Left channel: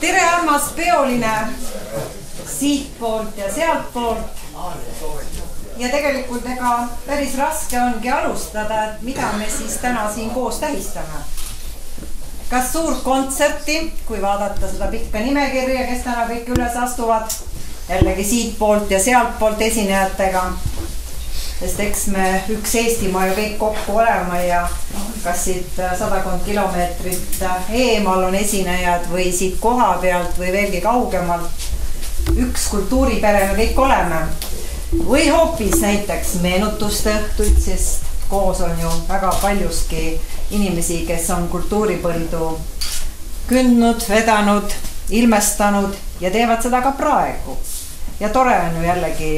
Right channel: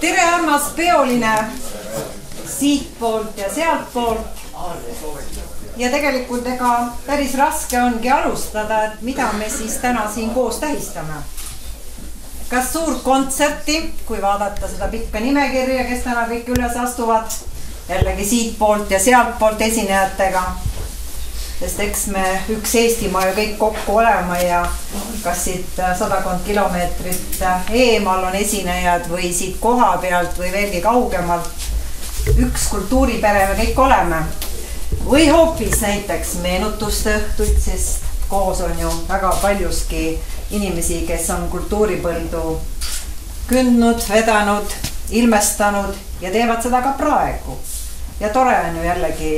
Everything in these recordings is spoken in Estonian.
Tere, armas peoline siitpoolt ja sealtpoolt. Ja tegelikult ega päris raske ongi alustada, et mida me siis täna siin koos tähistame. Kas suurt kontserti, kui vaadata seda pikka nimekirja, kes täna kõik üles astuvad, jällegi siitpoolt ja sealtpoolt esinejatega. Sest eks me üks Eestimaa ju kõik kokku olema ja kas siit 100 kilomeetrit eemal on esinejad või siit koha pealt või veelgi kaugemalt. Üks kultuuripere me kõik oleme. Või hoopis näiteks meenutuste õhtuid, sest koos on ju väga paljuski inimesi, kes on kultuuripõldu kündnud, vedanud, ilmestanud ja teevad seda ka praegu. Ja tore on ju jällegi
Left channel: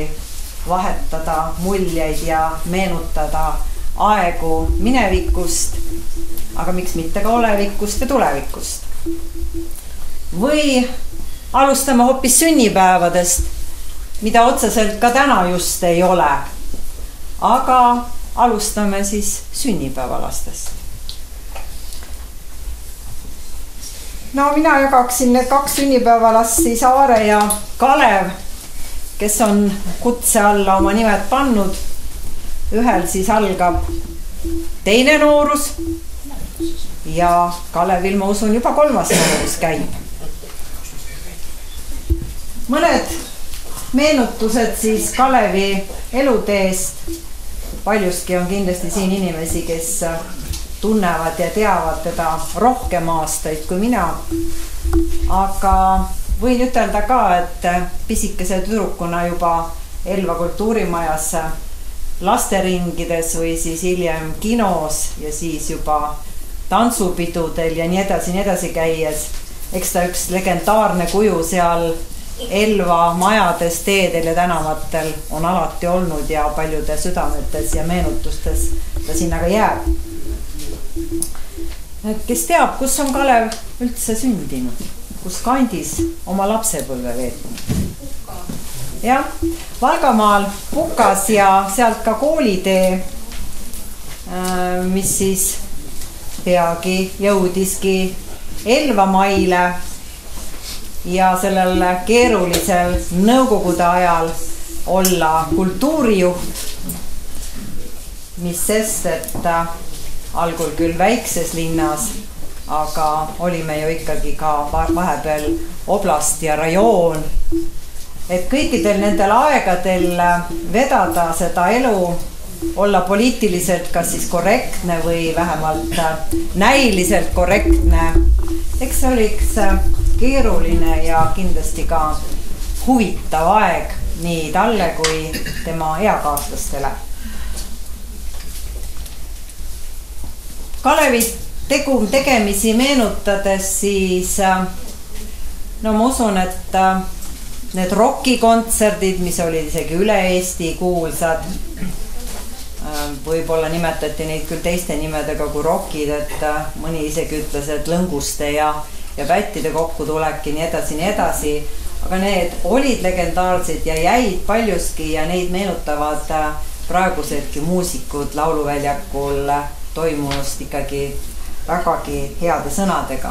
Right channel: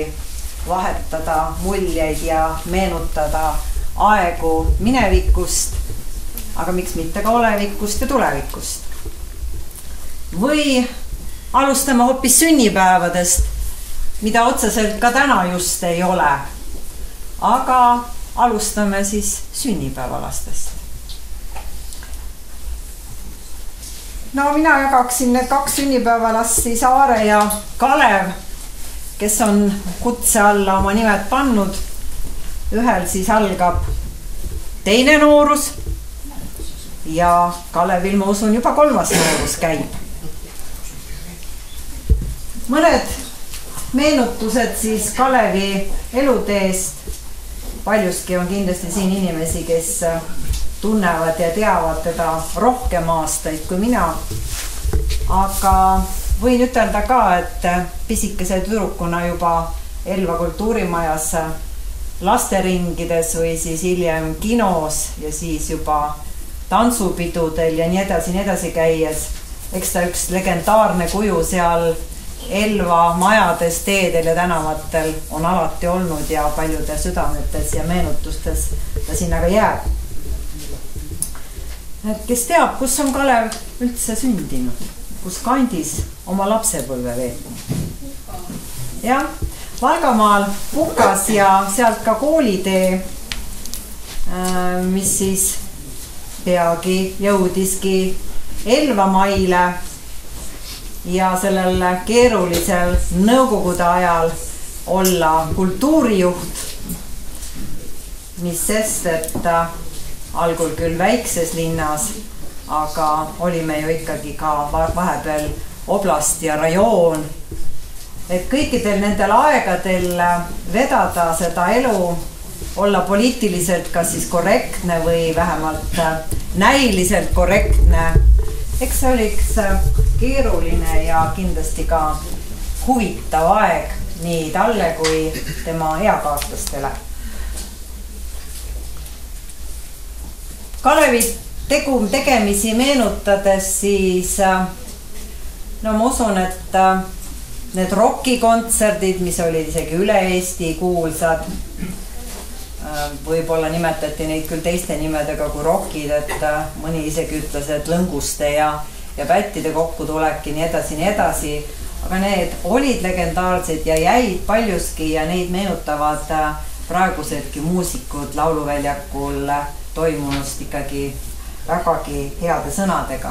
vahetada muljeid ja meenutada aegu minevikust, aga miks mitte ka olevikust ja tulevikust. Või alustame hoopis sünnipäevadest, mida otseselt ka täna just ei ole. Aga alustame siis sünnipäevalastest. No mina jagaksin need 2 sünnipäevalast siis Aare ja Kalev, kes on kutse alla oma nimed pannud. Ühel siis algab teine noorus ja Kalevil, ma usun, juba 3. noorus käib. Mõned meenutused siis Kalevi eluteest. Paljuski on kindlasti siin inimesi, kes tunnevad ja teavad teda rohkem aastaid kui mina. Aga võin ütelda ka, et pisikese tüdrukuna juba Elva kultuurimajas lasteringides või siis hiljem kinos ja siis juba tantsupidudel ja nii edasi käies. Eks ta üks legendaarne kuju seal Elva majades, teedel ja tänavatel on alati olnud ja paljude südametes ja meenutustes ta sinna ka jääb. Kes teab, kus on Kalev üldse sündinud? Kus kandis oma lapsepõlve veetnud? Jah, Valgamaal Pukas ja sealt ka koolitee, mis siis peagi jõudiski Elvamaile ja sellel keerulisel nõukogude ajal olla kultuurijuht, mis sest, et algul küll väikses linnas, aga olime ju ikkagi ka vahepeal oblast ja rajoon. Et kõikidel nendel aegadel vedada seda elu, olla poliitiliselt kas siis korrektne või vähemalt näiliselt korrektne. Eks see oliks keeruline ja kindlasti ka huvitav aeg nii talle kui tema eakaaslastele. Kalevi tegemisi meenutades siis, no ma usun, et need rokikontserdid, mis olid isegi üle Eesti kuulsad, võib-olla nimetati neid küll teiste nimedega kui rokid, et mõni isegi ütles, et lõnguste ja pättide kokkutulek ja nii edasi, aga need olid legendaarsed ja jäid paljuski ja neid meenutavad praegusedki muusikud lauluväljakul toimunust ikkagi vägagi heade sõnadega.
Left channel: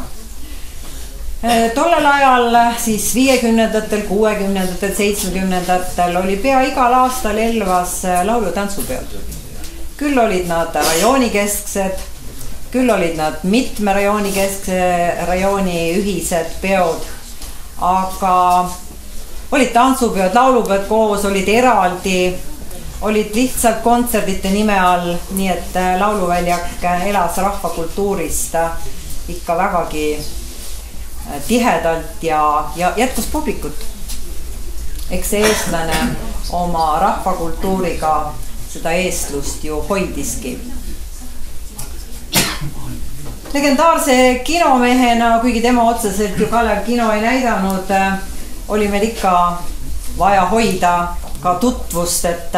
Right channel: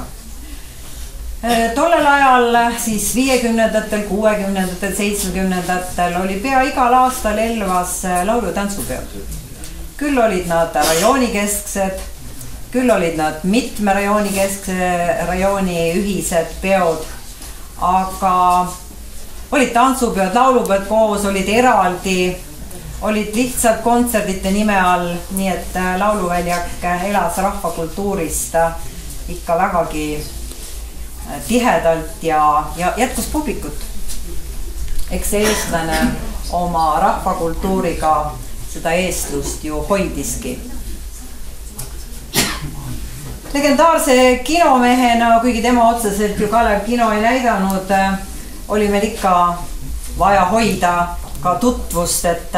Tollel ajal siis 50-ndatel, 60-ndatel, 70-ndatel oli pea igal aastal Elvas laulu- ja tantsupeod. Küll olid nad rajoonikesksed, küll olid nad mitme rajooni ühised peod, aga olid tantsupeod, laulupeod koos, olid eraldi, olid lihtsalt kontserdite nime all, nii et lauluväljak elas rahvakultuurist ikka vägagi tihedalt ja jätkus publikut. Eks see eestlane oma rahvakultuuriga seda eestlust ju hoidiski. Legendaarse kinomehena, kuigi tema otseselt ju Kalev kino ei näidanud, oli meil ikka vaja hoida ka tutvust, et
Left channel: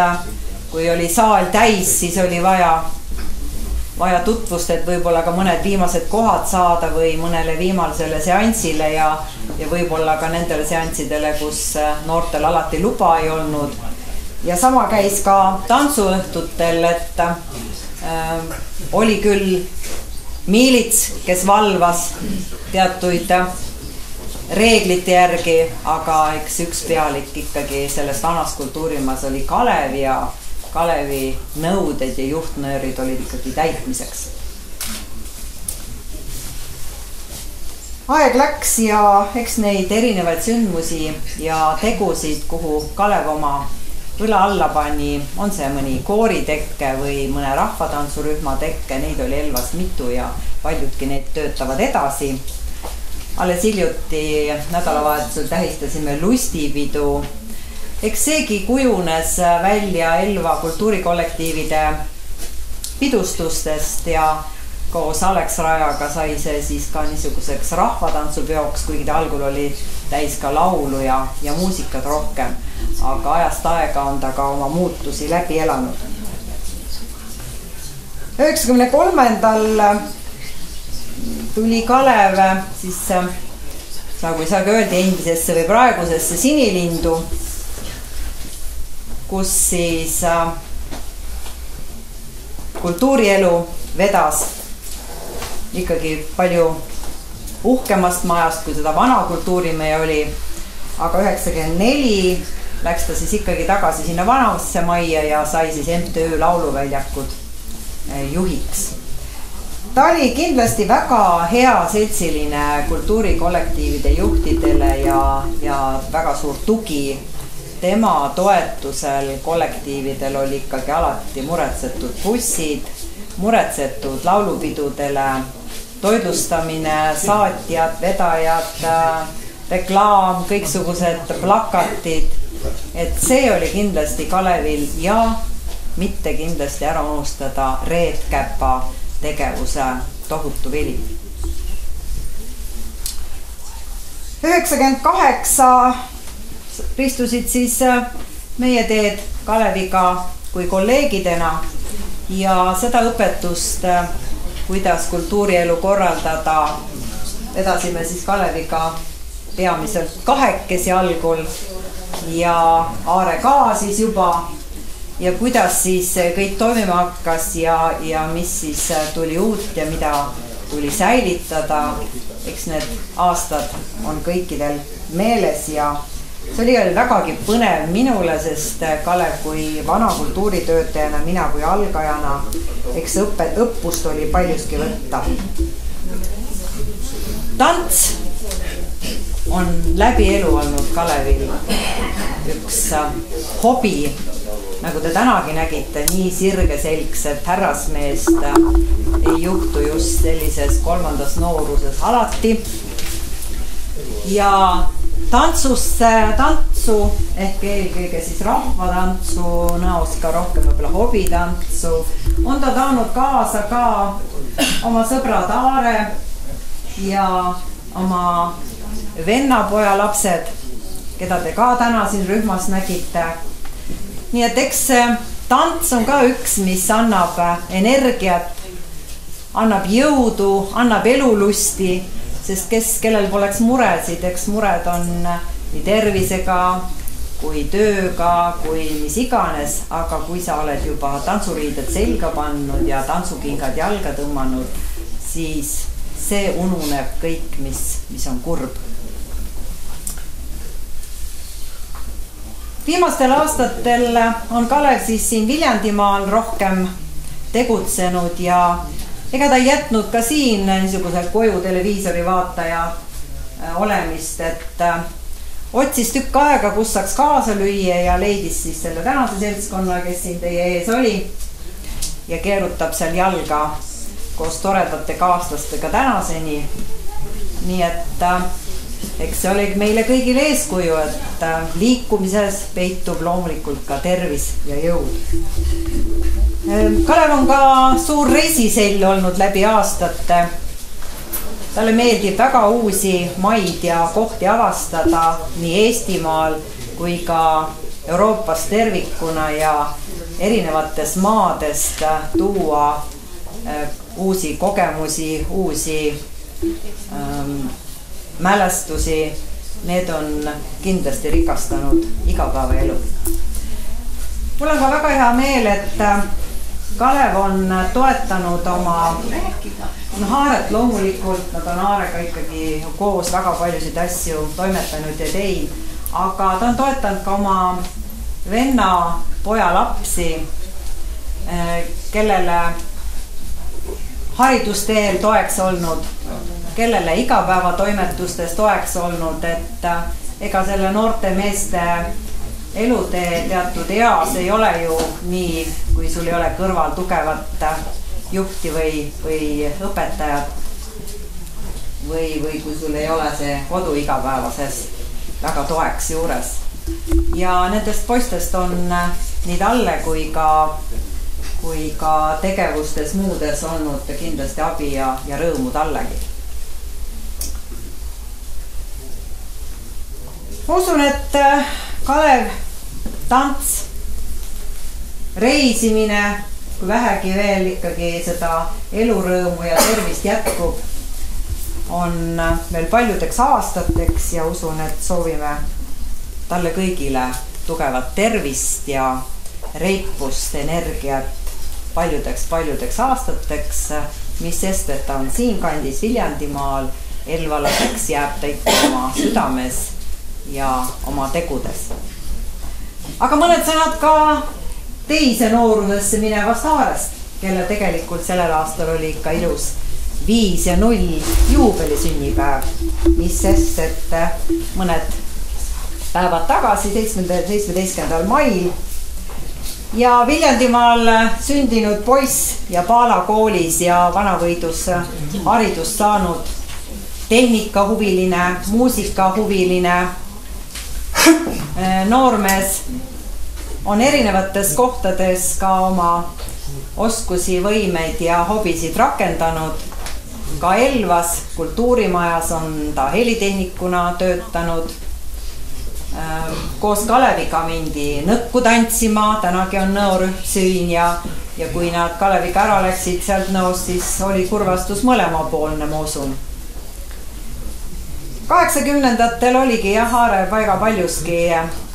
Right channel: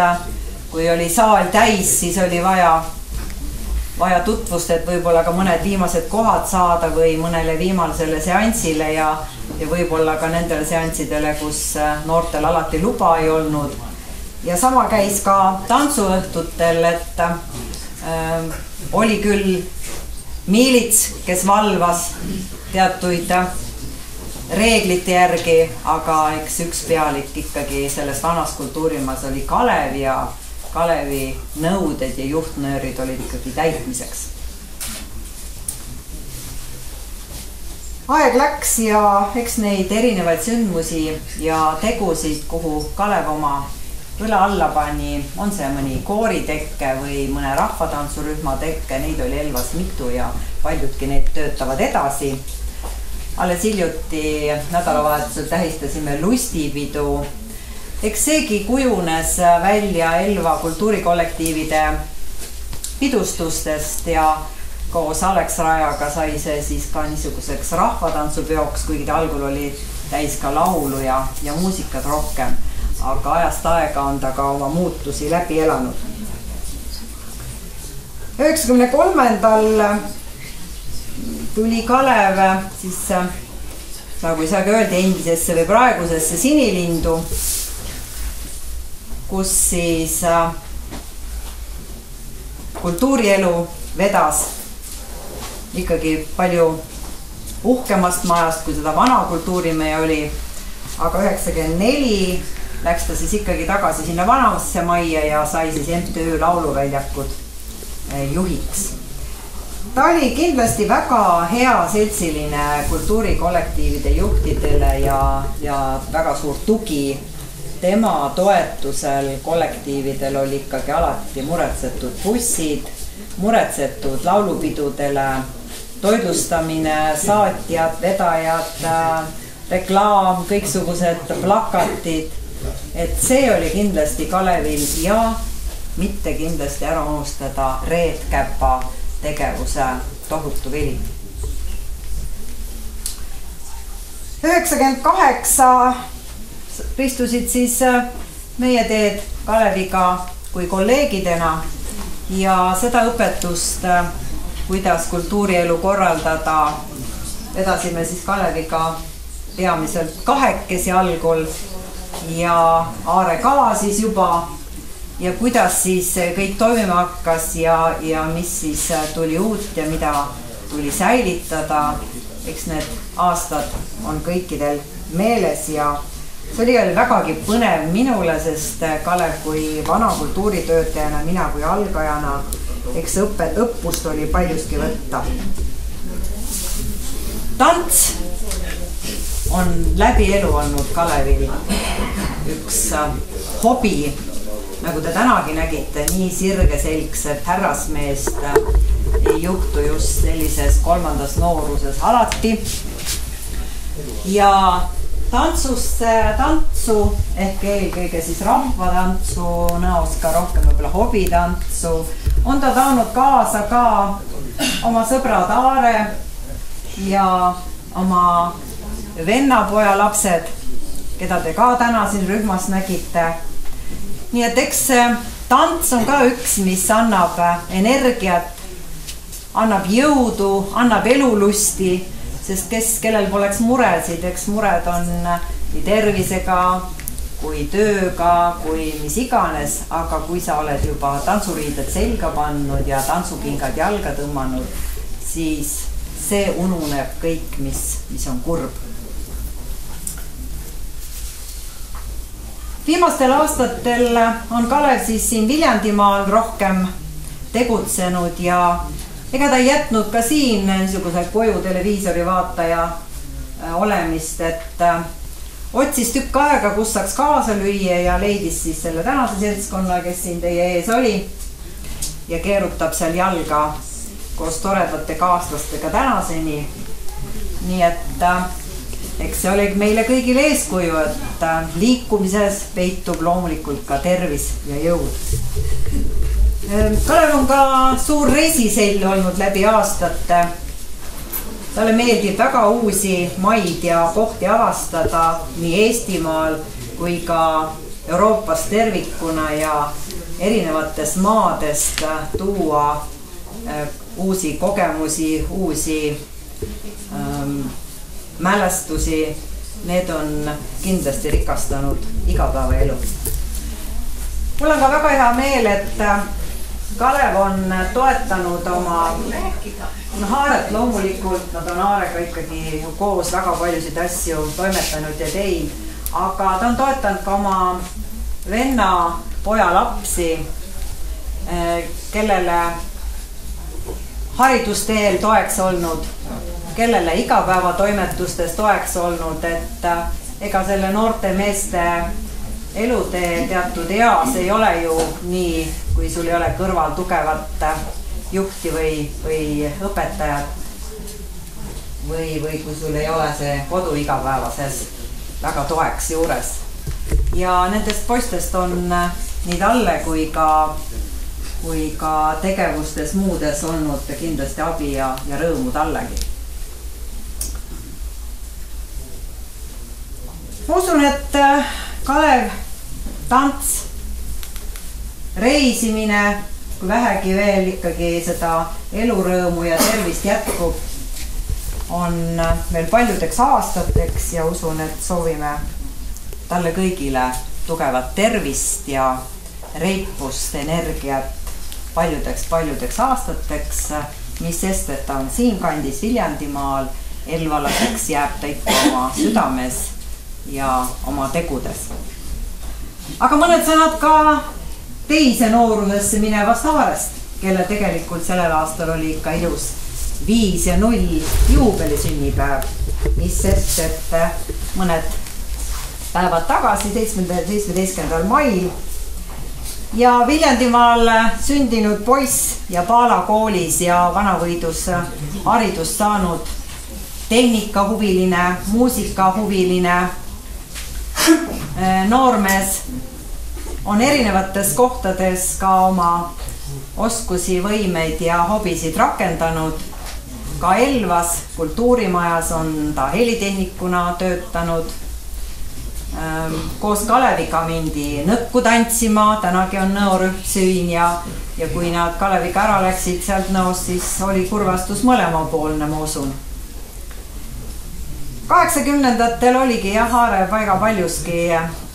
kui oli saal täis, siis oli vaja tutvust, et võib-olla ka mõned viimased kohad saada või mõnele viimasele seansile ja võib-olla ka nendele seanssidele, kus noortel alati luba ei olnud. Ja sama käis ka tantsuõhtutel, et oli küll miilits, kes valvas teatuid reeglite järgi, aga eks üks pealik ikkagi selles vanas kultuurimaas oli Kalev ja Kalevi nõuded ja juhtnöörid olid ikkagi täitmiseks. Aeg läks ja eks neid erinevaid sündmusi ja tegusid, kuhu Kalev oma õla alla pani, on see mõni kooritekke või mõne rahvatantsurühma tekke, neid oli Elvas mitu ja paljudki need töötavad edasi. Alles hiljuti nädalavahetusel tähistasime lustipidu. Eks seegi kujunes välja Elva kultuurikollektiivide pidustustest ja koos Alex Rajaga sai see siis ka niisuguseks rahvatantsupeoks, kuigi ta algul oli täis ka laulu ja muusikat rohkem. Aga ajast aega on ta ka oma muutusi läbi elanud. 93. tuli Kalev siis, nagu ei saagi öelda, endisesse või praegusesse Sinilindu, kus siis kultuurielu vedas ikkagi palju uhkemast majast, kui seda vana kultuurimehe oli. Aga 94 läks ta siis ikkagi tagasi sinna vanasse majja ja sai siis MTÜ Lauluväljakud juhiks. Ta oli kindlasti väga hea seltsiline kultuurikollektiivide juhtidele ja väga suur tugi. Tema toetusel kollektiividel oli ikkagi alati muretsetud bussid, muretsetud laulupidudele, toitlustamine, saatjad, vedajad, reklaam, kõiksugused plakatid. Et see oli kindlasti Kalevil ja mitte kindlasti ära unustada Reet Käpa tegevuse tohutu vili. 98 ristusid siis meie teed Kaleviga kui kolleegidena ja seda õpetust, kuidas kultuurielu korraldada, vedasime siis Kaleviga peamiselt kahekesi algul ja Aare ka siis juba ja kuidas siis kõik toimima hakkas ja mis siis tuli uut ja mida tuli säilitada. Eks need aastad on kõikidel meeles ja see oli vägagi põnev minule, sest Kalev kui vana kultuuritöötajana, mina kui algajana, eks õppust oli paljuski võtta. Tants on läbi elu olnud Kalevil üks hobi, nagu te tänagi nägite, nii sirgeselgset härrasmeest ei juhtu just sellises kolmandas nooruses alati. Ja tantsu ehk eelkõige siis rahvatantsu näos ka rohkem võib-olla hobitantsu on ta taanud kaasa ka oma sõbrad Aare ja oma vennapoja lapsed, keda te ka täna siin rühmas nägite. Nii et eks tants on ka üks, mis annab energiat, annab jõudu, annab elulusti, sest kellel poleks muresid, eks mured on nii tervisega kui tööga, kui mis iganes, aga kui sa oled juba tantsuriided selga pannud ja tantsukingad jalga tõmmanud, siis see ununeb kõik, mis on kurb. Viimastel aastatel on Kalev siis siin Viljandimaal rohkem tegutsenud ja ega ta ei jätnud ka siin niisuguse koju televiisori vaataja olemist, et otsis tükk aega, kus saaks kaasa lüüa ja leidis siis selle tänase seltskonna, kes siin teie ees oli ja keerutab seal jalga koos toredate kaaslastega tänaseni. Nii et eks see oli meile kõigile eeskuju, et liikumises peitub loomulikult ka tervis ja jõud. Kalev on ka suur reisisell olnud läbi aastate. Talle meeldib väga uusi maid ja kohti avastada nii Eestimaal kui ka Euroopas tervikuna ja erinevates maadest tuua uusi kogemusi, uusi mälestusi, need on kindlasti rikastanud igapäevaelu. Mul on ka väga hea meel, et Kalev on toetanud oma Haaret loomulikult, nad on Haarega ikkagi koos väga paljusid asju toimetanud ja teinud, aga ta on toetanud ka oma venna poja lapsi, kellele haridusteel toeks olnud, kellele igapäevatoimetustes toeks olnud, et ega selle noorte meeste elutee teatud eas ei ole ju nii, kui sul ei ole kõrval tugevat juhti või õpetajat või kui sul ei ole see kodu igapäevases väga toeks juures. Ja nendest poistest on nii talle kui ka tegevustes muudes olnud kindlasti abi ja rõõmu tallegi. Ma usun, et Kalev, tants, reisimine, kui vähegi veel ikkagi seda elurõõmu ja tervist jätkub, on meil paljudeks aastateks ja usun, et soovime talle kõigile tugevat tervist ja reipust, energiat paljudeks aastateks, mis sest, et ta on siinkandis Viljandimaal, elvalaseks jääb ta ikka oma südames ja oma tegudes. Aga mõned sõnad ka teise noorusesse minevast Haarest, kelle tegelikult sellel aastal oli ikka ilus 5 ja 0 juubelisünnipäev, mis sest, et mõned päevad tagasi, 17. mail ja Viljandimaal sündinud poiss ja Paala koolis ja Vanavõidus haridust saanud tehnikahuviline, muusikahuviline noormees on erinevates kohtades ka oma oskusi, võimeid ja hobisid rakendanud. Ka Elvas kultuurimajas on ta helitehnikuna töötanud. Koos Kaleviga mindi nõkku tantsima, tänagi on nõorühm Süün ja kui nad Kaleviga ära läksid sealt nõost, siis oli kurvastus mõlemapoolne, ma usun. 80-ndatel oligi Haare väga paljuski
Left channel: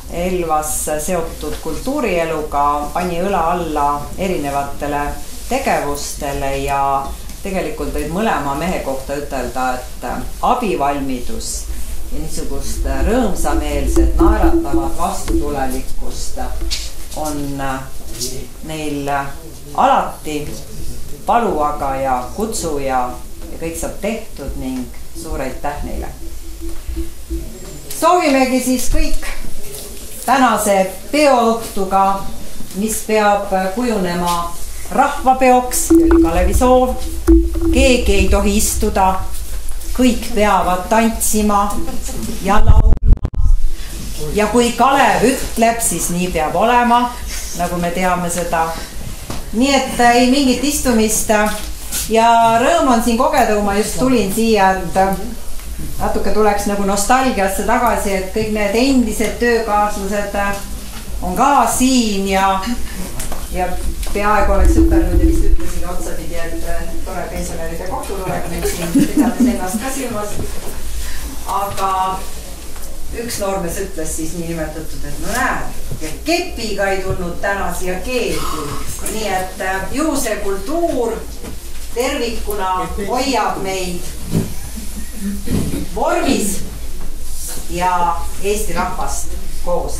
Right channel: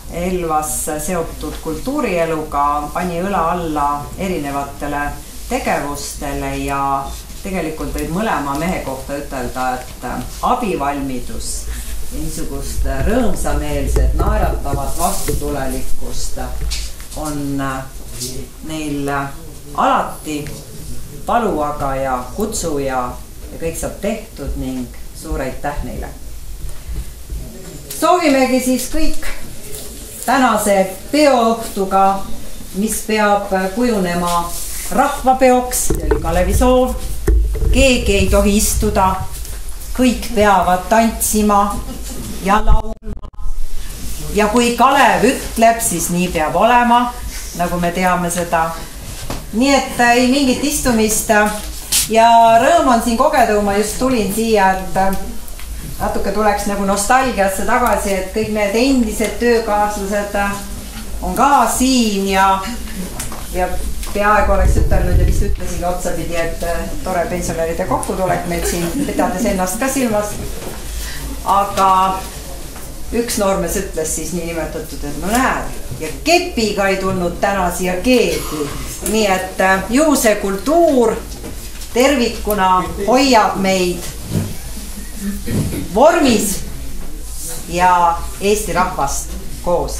Elvas seotud kultuurieluga, pani õla alla erinevatele tegevustele ja tegelikult võib mõlema mehe kohta ütelda, et abivalmidus ja niisugust rõõmsameelset, naeratavat vastutulelikkust on neil alati paluaga ja kutsu ja kõik saab tehtud ning suur aitäh neile. Soovimegi siis kõik tänase peoõhtuga, mis peab kujunema rahvapeoks, see oli Kalevi soov, keegi ei tohi istuda, kõik peavad tantsima ja laulma ja kui Kalev ütleb, siis nii peab olema, nagu me teame seda. Nii et ei mingit istumist ja rõõm on siin kogeda, kui ma just tulin siia, et natuke tuleks nagu nostalgiasse tagasi, et kõik need endised töökaaslased on ka siin ja peaaegu oleks ütelnud ja vist ütlesin otsapidi, et tore pensionäride kohtutulek meil siin, pidades ennast ka silmas. Aga üks noormees ütles siis niinimetatud, et no näed, ja kepiga ei tulnud täna siia keegi. Nii et ju see kultuur tervikuna hoiab meid vormis ja Eesti rahvast koos.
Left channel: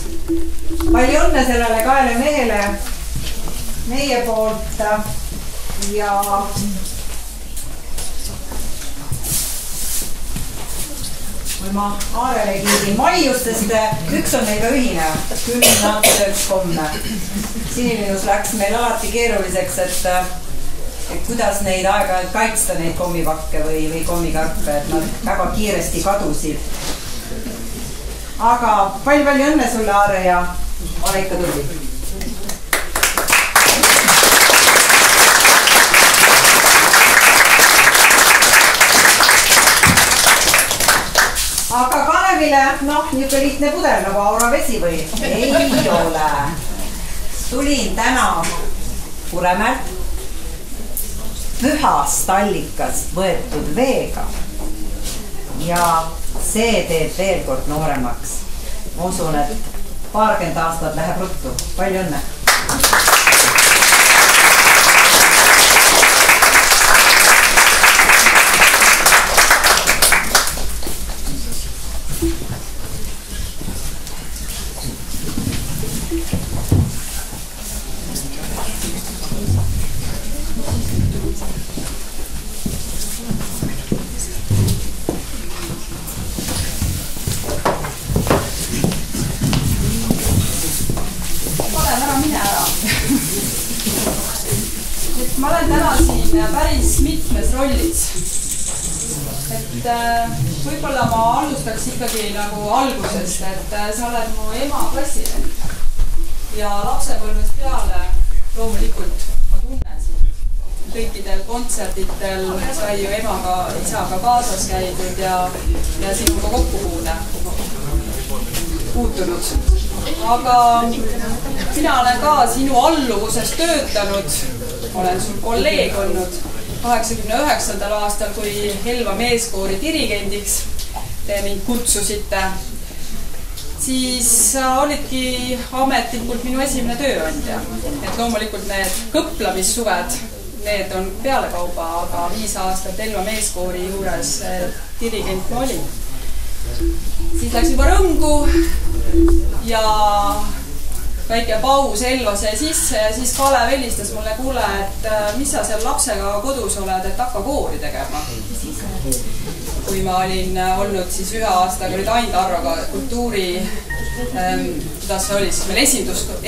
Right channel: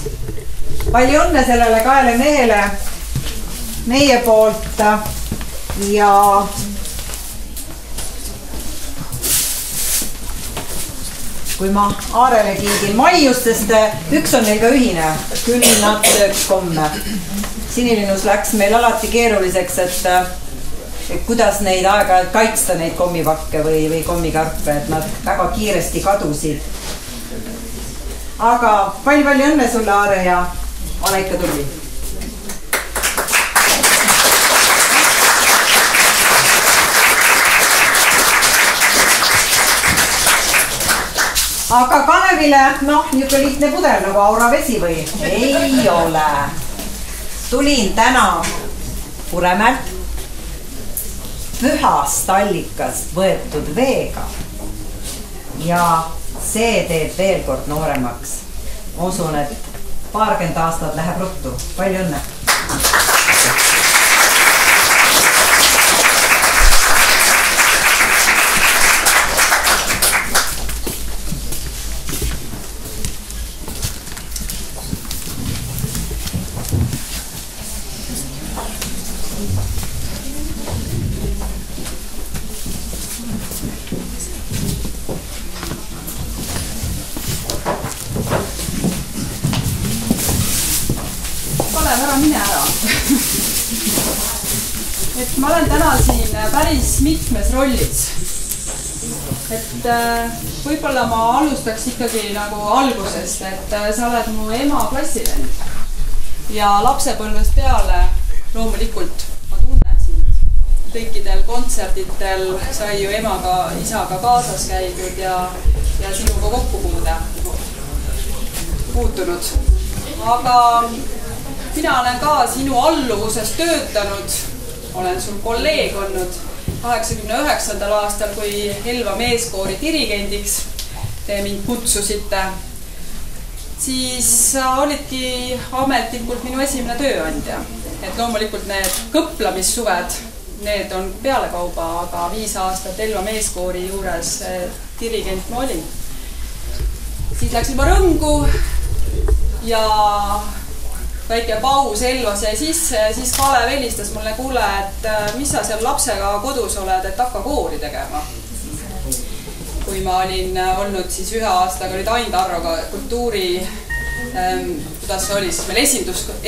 Palju õnne sellele kaele mehele meie poolt ja kui ma Aarele kiidin maiustest, üks on neil ka ühine, küll nad sööks komme. Sinilinus läks meil alati keeruliseks, et kuidas neid aeg-ajalt kaitsta, neid kommivakke või kommikarpe, et nad väga kiiresti kadusid. Aga palju õnne sulle, Aare, ja ole ikka tubli. Aga Kalevile, niisugune lihtne pudel nagu auravesi või? Ei ole. Tulin täna Kuremäelt pühast allikast võetud veega ja see teeb veel kord nooremaks. Ma usun, et 20 aastat läheb ruttu. Palju õnne! ma olen täna siin päris mitmes rollis. Et võib-olla ma alustaks ikkagi nagu algusest, et sa oled mu ema klassivend. Ja lapsepõlvest peale loomulikult ma tunnen sind. Kõikidel kontserditel sai ju emaga, isaga kaasas käidud ja sinuga puutunud. Aga mina olen ka sinu alluvuses töötanud, olen sul kolleeg olnud 89. aastal, kui Elva meeskoori dirigendiks te mind kutsusite, siis sa olidki ametlikult minu esimene tööandja. Et loomulikult need kõplamissuved, need on pealekauba, aga 5 aastat Elva meeskoori juures dirigent ma olin. Siis läksin ma rõngu ja väike paus Elvas jäi sisse ja siis Kalev helistas mulle, kuule, et mis sa seal lapsega kodus oled, et hakka koori tegema. Kui ma olin olnud siis 1 aastaga, olid Ain Tarroga kultuuri, kuidas see oli siis meil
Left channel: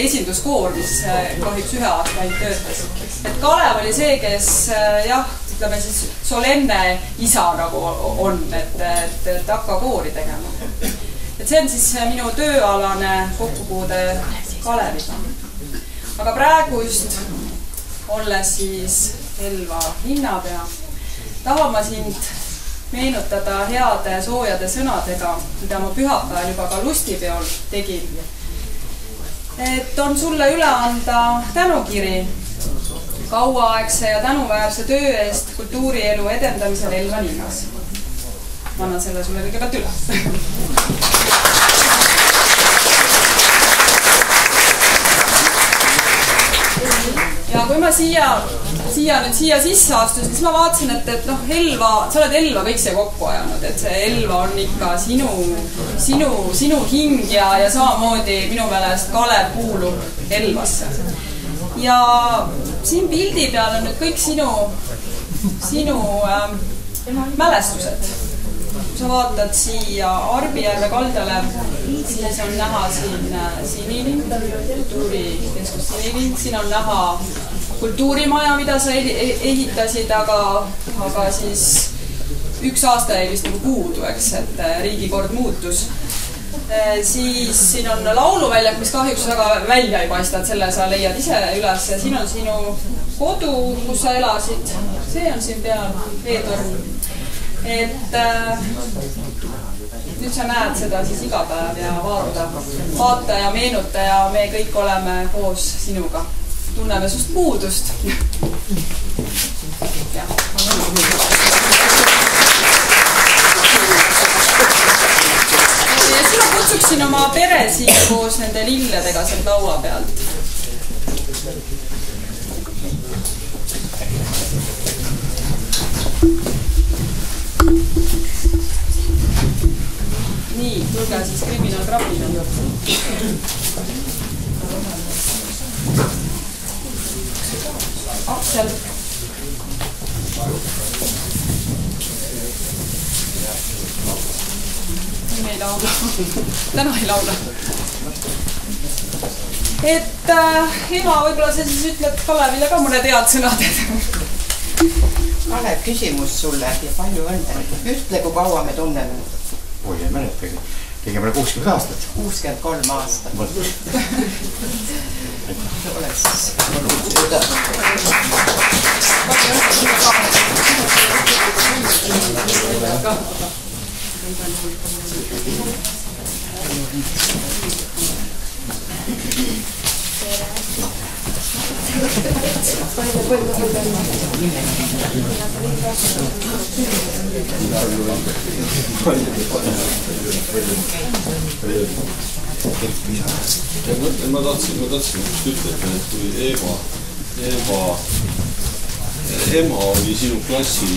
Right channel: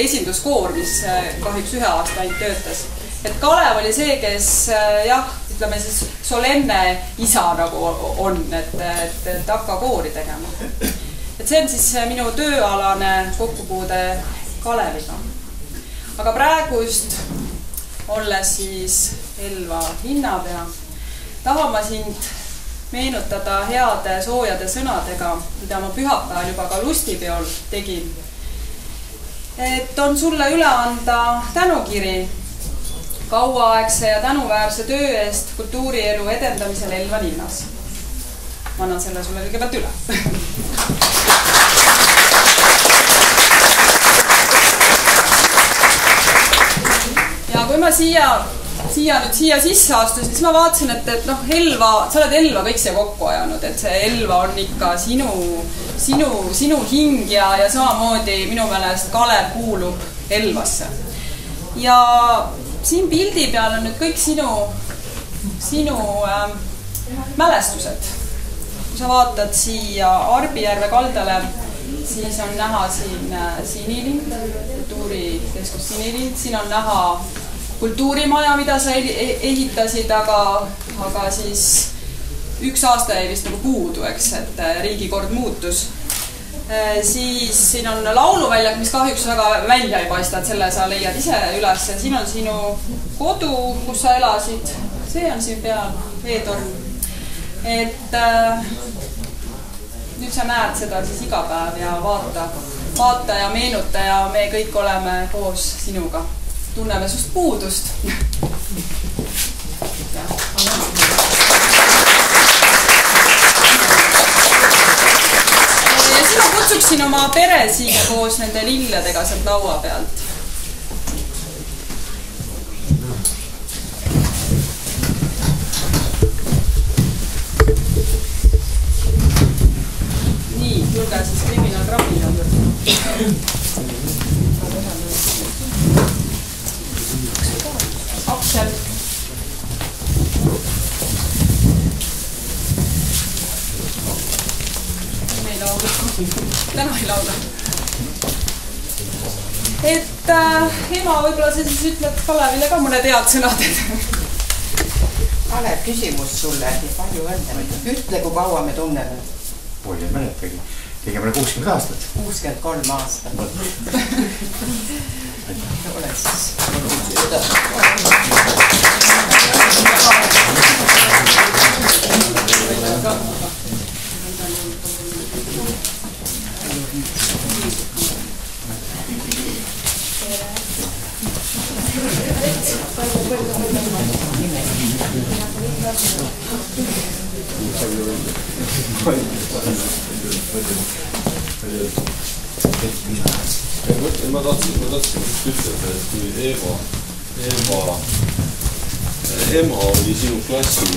esinduskoor, mis kahjuks 1 aasta ainult töötas. Et Kalev oli see, kes jah, ütleme siis solenne isa nagu on, et hakka koori tegema. Et see on siis minu tööalane kokkupuude Kaleviga. Aga praegust, olles siis Elva linnapea, tahan ma sind meenutada heade soojade sõnadega, mida ma pühapäeval juba ka lustipeol tegin. Et on sulle üle anda tänukiri kauaaegse ja tänuväärse töö eest kultuurielu edendamisel Elva linnas. Ma annan selle sulle kõigepealt üle. Ja kui ma siia sisse astusin, siis ma vaatasin, et noh, Elva, sa oled Elva kõik see kokku ajanud, et see Elva on ikka sinu hing ja samamoodi minu meelest Kalev kuulub Elvasse. Ja siin pildi peal on nüüd kõik sinu mälestused. Kui sa vaatad siia Arbijärve kaldale, siis on näha siin Sinilind, kultuurikeskus Sinilind, siin on näha kultuurimaja, mida sa ehitasid, aga siis 1 aasta jäi vist nagu puudu, eks, et riigikord muutus. Siis siin on lauluväljak, mis kahjuks väga välja ei paista, et selle sa leiad ise üles. Siin on sinu kodu, kus sa elasid, see on siin peal, veetorn. Et nüüd sa näed seda siis iga päev ja vaata ja meenuta ja me kõik oleme koos sinuga. Tunneme sust puudust. Ja siis ma kutsuksin oma pere siia koos nende lilledega sealt laua pealt. Nii, tulge siis kriminaalkrabina juurde. Aksel. Me ei laula. Täna ei laula. Et ema, võib-olla sa siis ütled Kalevile ka mõned head sõnad. Kalev, küsimus sulle ja palju õnne. Ütle, kui kaua me tunneme. Oi, ei mäletagi. Kõigepeale 60 aastat. 63 aastat. Ole siis. Ma tahtsin just ütelda, et kui ema oli sinu klassi,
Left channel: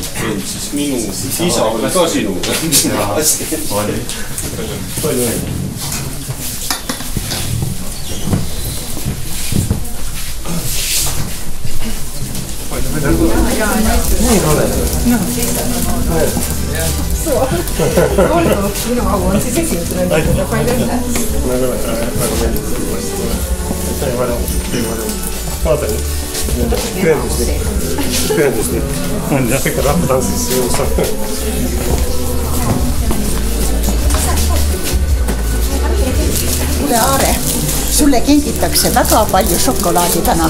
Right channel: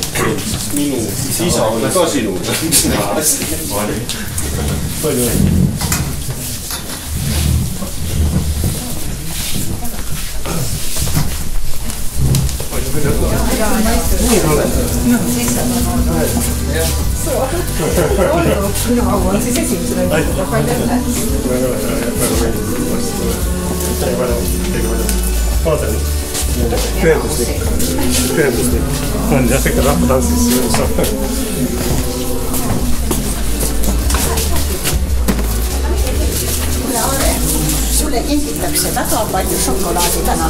siis minu isa oli ka sinu klassi. Palju õnne. Minu au on siis esimesena ütelda, palju õnne. Väga meeldib. Aitäh, palju. Vaatan. Tõenduslik. On jah, ikka rahvatantsis jõus. Kuule Aare, sulle kingitakse väga palju šokolaadi täna.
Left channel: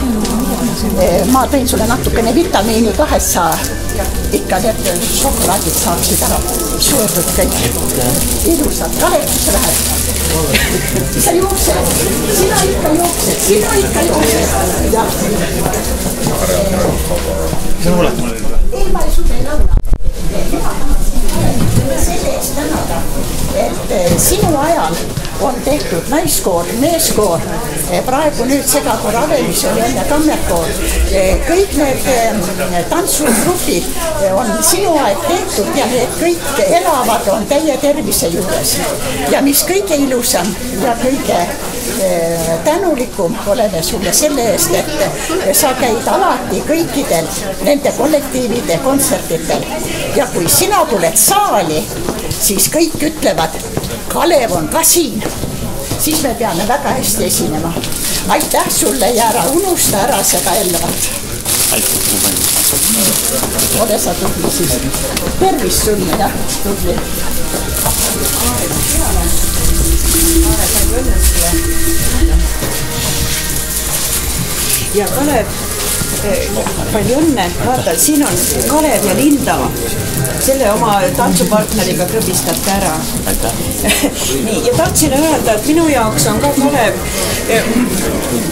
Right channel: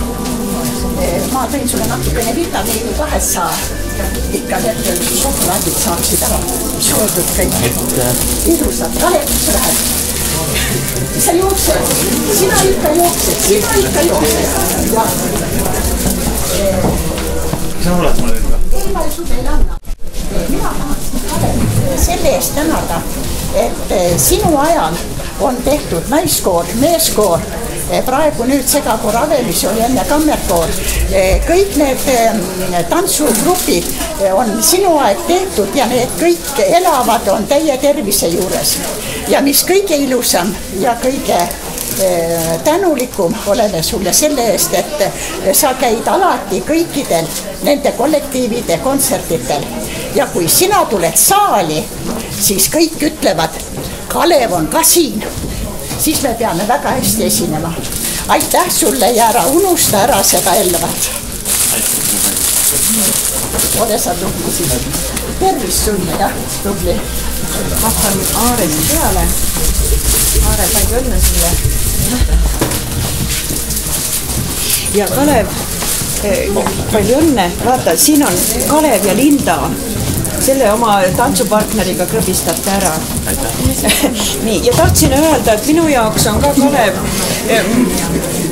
Ma tõin sulle natukene vitamiini 200. Ikka need šokolaadid saaksid ära söödud kõik. Ilusad. Kalev, kus sa lähed? Sa jooksed. Sina ikka jooksed. Ja. Mis sa mulled mulle nüüd? Ei, ma ei suuda ei laula. Mina tahan selle eest tänada, et sinu ajal on tehtud naiskoor, meeskoor, praegu nüüd segakoor Avemis oli enne kammerkoor. Kõik need tantsugrupid on sinu aeg tehtud ja need kõik elavad on täie tervise juures. Ja mis kõige ilusam ja kõige tänulikum oleme sulle selle eest, et sa käid alati kõikidel nende kollektiivide kontsertitel. Ja kui sina tuled saali, siis kõik ütlevad, Kalev on ka siin. Siis me peame väga hästi esinema. Aitäh sulle ja ära unusta ära seda Elvat. Ole sa tubli siis. Tervist sulle, jah, tubli. Hakkan Aarele peale. Aare, palju õnne sulle. Ja Kalev, palju õnne. Vaata, siin on Kalev ja Linda. Selle oma tantsupartneriga krõbistate ära. Nii, ja tahtsin öelda, et minu jaoks on ka Kalev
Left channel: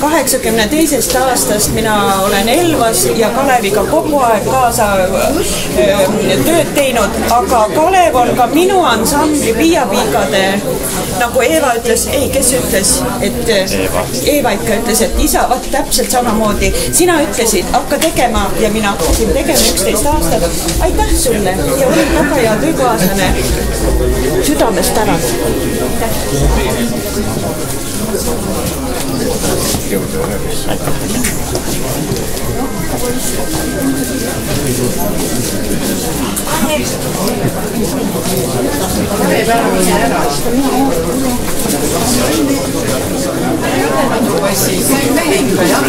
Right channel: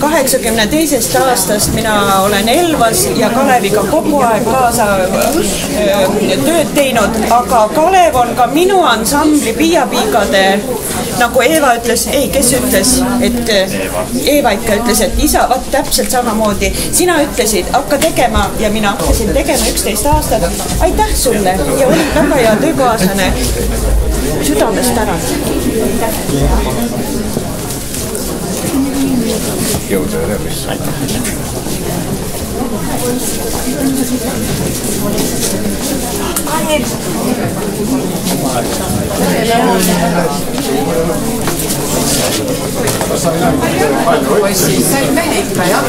82. aastast mina olen Elvas ja Kaleviga kogu aeg kaasa tööd teinud, aga Kalev on ka minu ansambli Piiapiigade, nagu Eeva ütles, kes ütles, et Eeva ikka ütles, et isa, vaat täpselt samamoodi, sina ütlesid, hakka tegema ja mina hakkasin tegema 11 aastat. Aitäh sulle ja oli väga hea töökaaslane. Südamest tänan. Jõudu ja tervist. Sain mehe ikka, jah?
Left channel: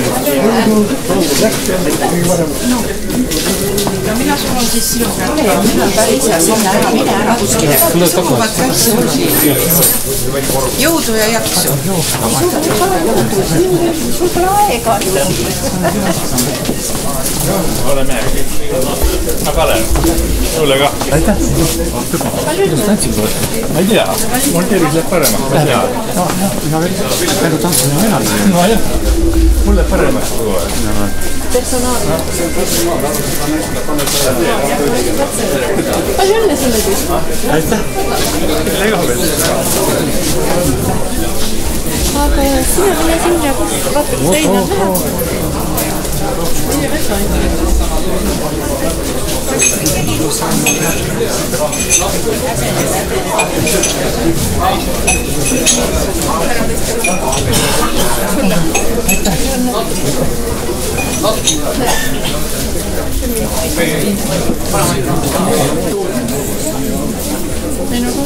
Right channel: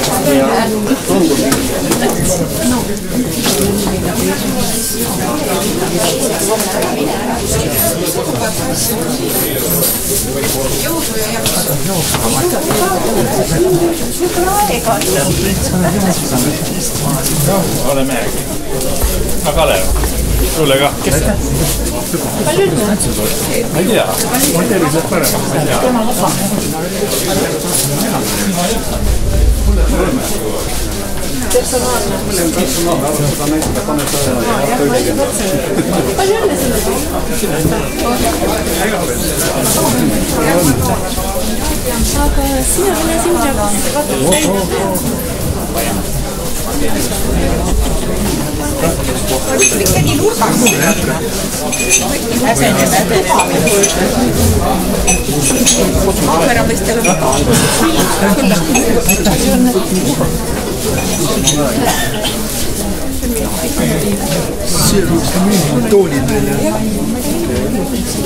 Jõudu ja jaksu. Sul pole aega. Ole mehegi. Ma Kalev, sulle ka. Aitäh. Ma ei tea, mul tervis läheb paremaks, ma ei tea. Mul läheb paremaks. Personaalne. Palju õnne sulle siis? Aitäh. Ega veel. Aga sina ole sinna vaatad seina peal.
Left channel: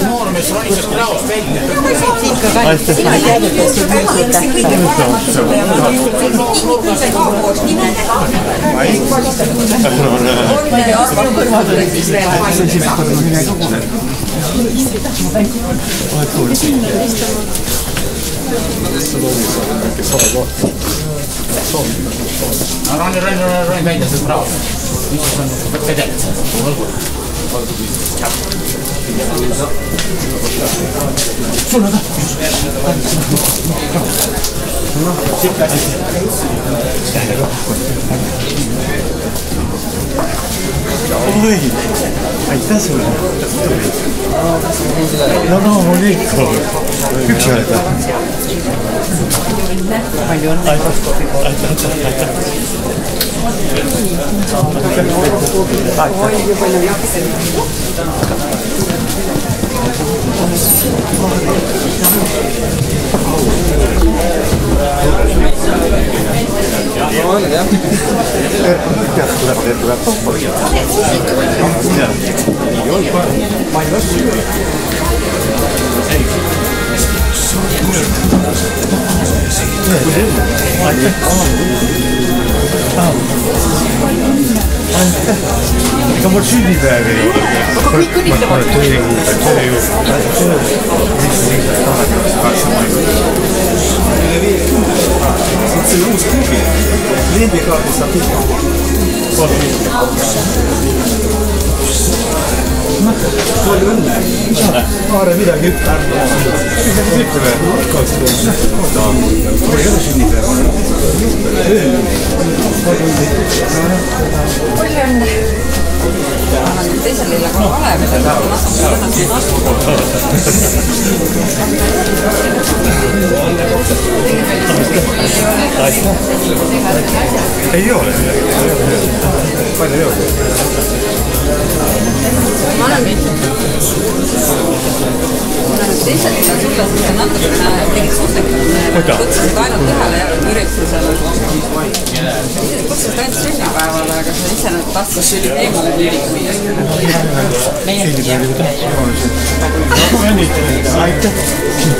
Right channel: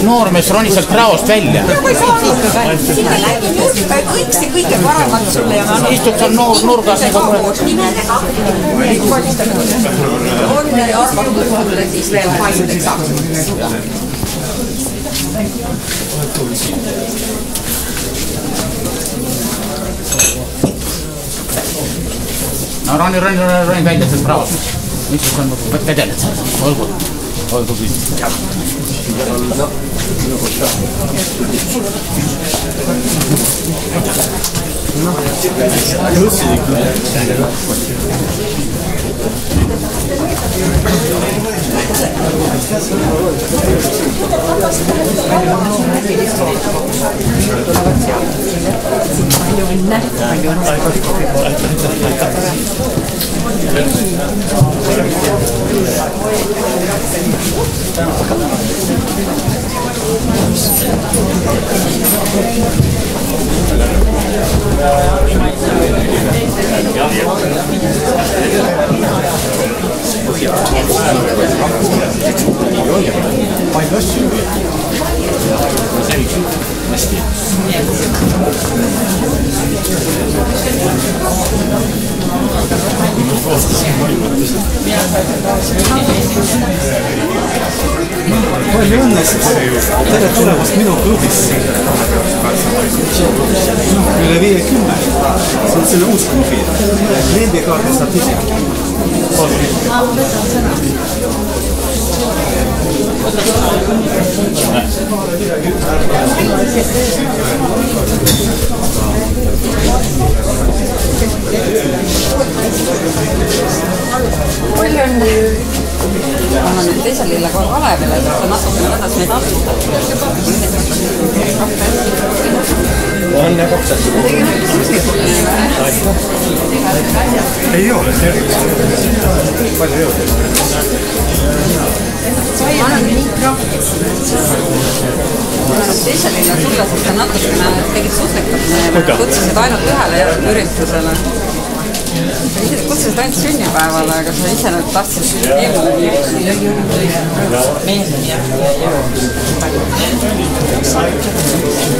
Noormees roni sealt praost välja. Kõige paremat sulle ja ma istud seal nurgas. on Arvo kõrval siis veel No roni välja sealt praost. Mis siis on vedeled seal? Olgu kõik. Palju asju hästi. Üle 50. See on uus klubi. Kliendikaardi saab ise. Kaare midagi Palju õnne! Ma olen nüüd teisel lille kohe Kalevile, aga natukene võtas meid ei ole. Palju ei ole. Ma olen nüüd teisel lille sulle, sest sa natukene tegid suslikat meile, kutsusid ainult ühele üritusele. Kutsusid ainult sünnipäevale, aga sa ise nüüd tahtsid eemale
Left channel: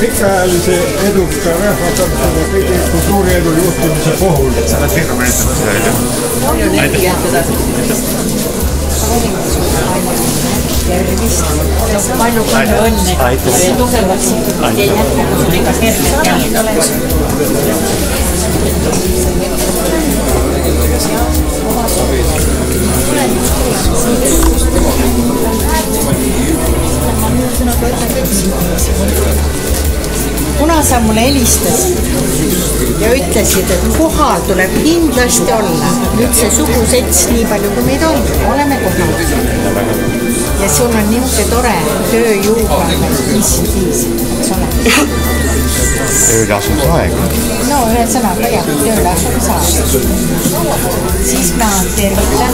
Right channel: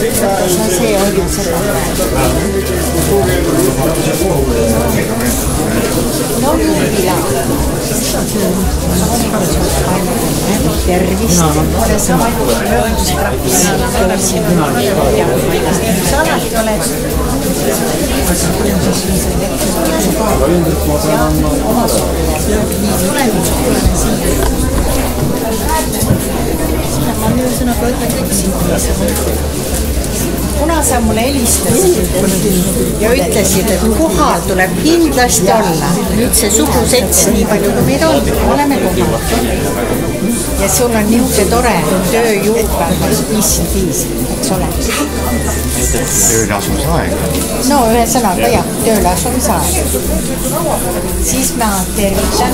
pikaajalise eduka kultuuriedu juhtimise puhul. Tervist, ole sa palju ma ühesõnaga ütlen kõik siin. Kuna sa mulle helistasid ja ütlesid, et kohal tuleb kindlasti olla, nüüd see sugusets nii palju kui meid on, oleme kohal. Ja sul on niisugune tore tööjuuga, mis siin viis, eks ole. Tööle asumisaeg. No ühesõnaga jah, tööle asumisaeg. Siis ma tervitan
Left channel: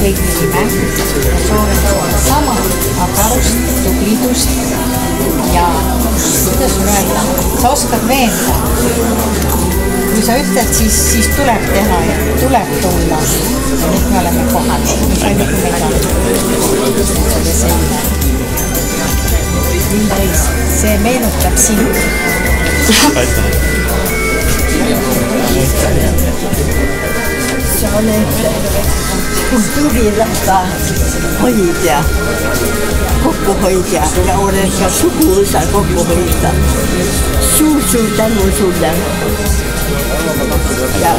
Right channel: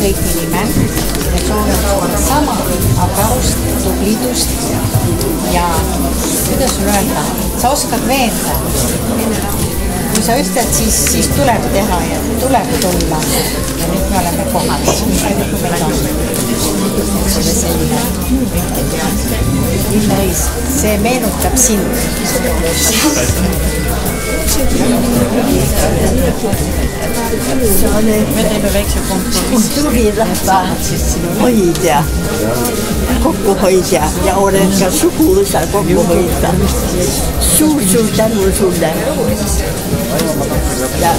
kõigi nime ja soovin sulle sama agarust, tublidust ja kuidas sul öelda, sa oskad veenda. Kui sa ütled, siis tuleb teha ja tuleb tulla. Ja nüüd me oleme kohal, nii palju kui meid on. See on selline. Illeis, see meenutab sind. Sa oled kultuurirahva hoidja, kokkuhoidja ja olen ka suguvõsa kokkuhoidja. Suur tänu sulle. Ja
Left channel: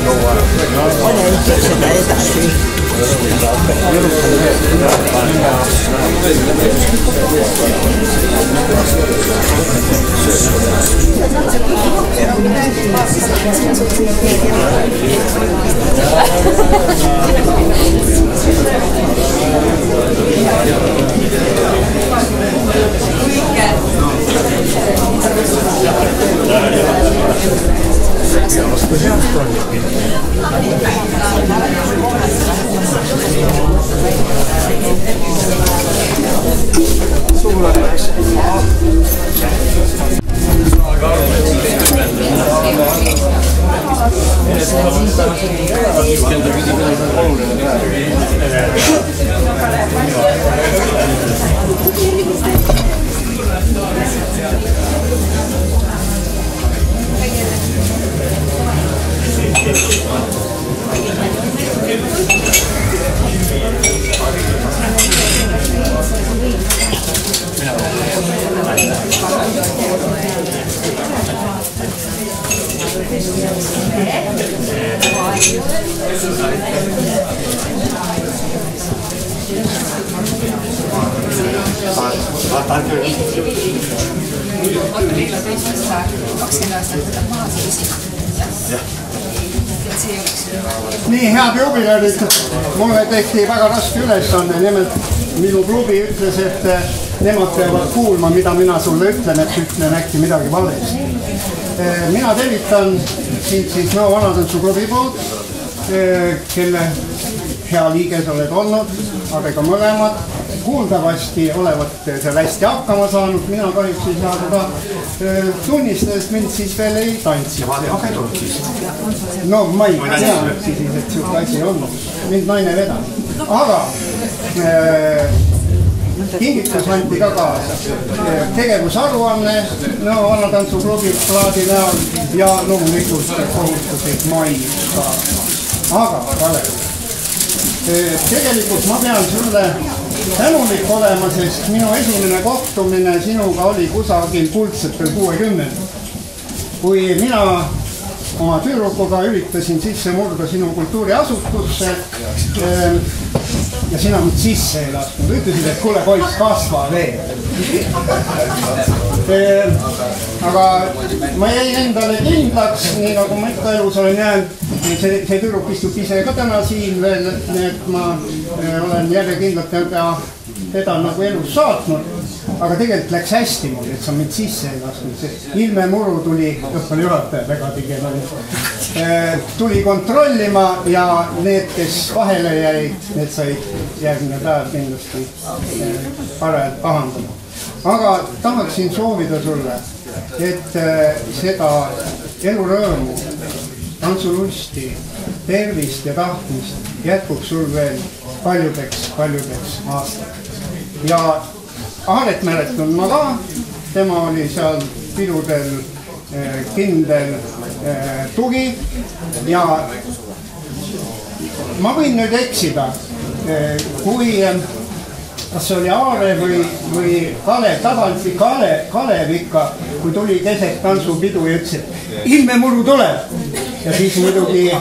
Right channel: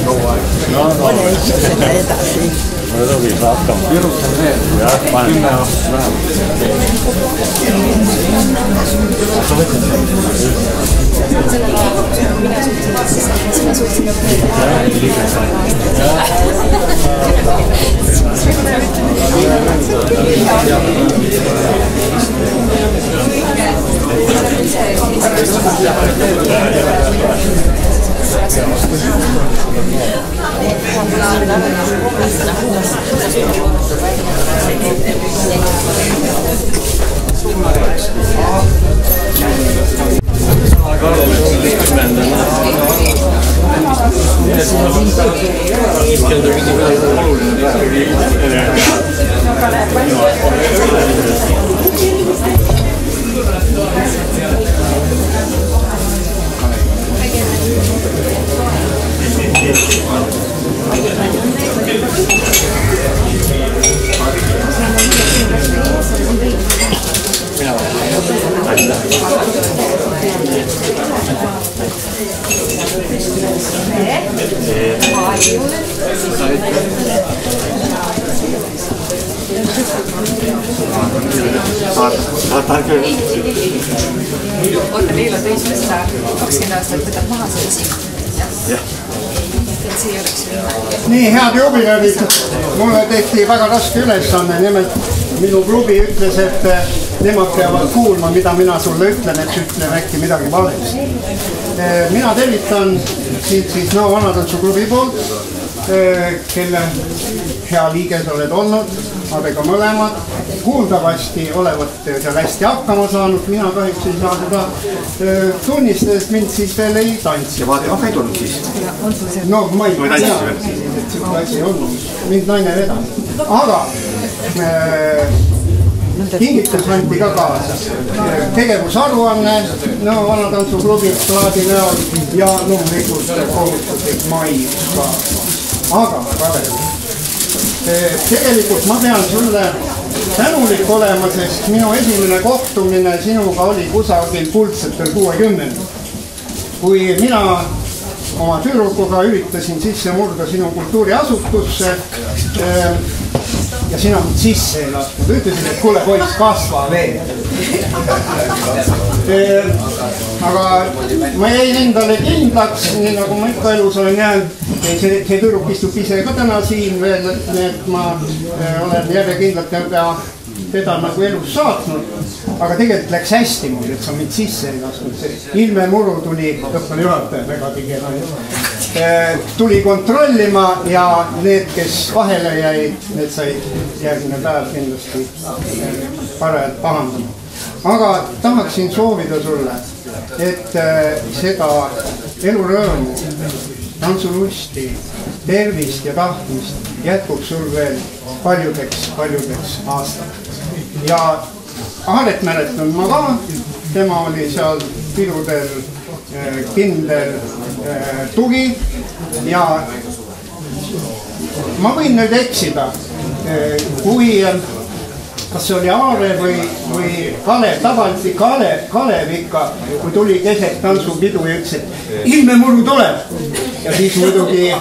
ole ikka seda edasi. Oota Liila teistest 20 aastat võtab maha sellest. Nii, head jubileerid, mulle tehti väga raske ülesanne, nimelt minu klubi ütles, et nemad peavad kuulma, mida mina sulle ütlen, et ütlen äkki midagi valesti. Mina tervitan sind siis Nõo Vanatantsu-klubi poolt, kelle hea liige sa oled olnud, aga ka mõlemad. Kuuldavasti olevat seal hästi hakkama saanud, mina kahjuks ei saa seda tunnistada, et mind siis veel ei tantsi. Aga ei tulnud siis? No ma ei tea, et siuke asi on. Mind naine vedab. Aga kingitus anti ka kaasa. Tegevusaruanne Nõo Vanatantsu-klubi plaadi näol ja loomulikult kohustuslik mai ka. Aga Kalev, tegelikult ma pean sulle tänulik olema, sest minu esimene kohtumine sinuga oli kusagil kuldsetel 60. Kui mina oma tüdrukuga üritasin sisse murda sinu kultuuriasutusse ja sina mind sisse ei lasknud. Ütlesid, et kuule poiss, kasva veel. Aga ma jäin endale kindlaks, nii nagu ma ikka elus olen jäänud. See tüdruk istub ise ka täna siin veel, et ma olen järjekindlalt teda nagu elus saatnud. Aga tegelikult läks hästi mul, et sa mind sisse ei lasknud. Ilme Muru tuli, õppel juhataja väga tigena, tuli kontrollima ja need, kes vahele jäid, need said järgmine päev kindlasti parajalt pahandama. Aga tahaksin soovida sulle, et seda elurõõmu, tantsulusti, tervist ja tahtmist jätkub sul veel paljudeks aastaks. Ja Aaret mäletan ma ka, tema oli seal pidudel kindel tugi ja ma võin nüüd eksida, kui kas see oli Aare või Kalev, tavaliselt Kalev ikka, kui tuli keset tantsupidu ja ütles, et Ilme Muru tuleb. Ja siis muidugi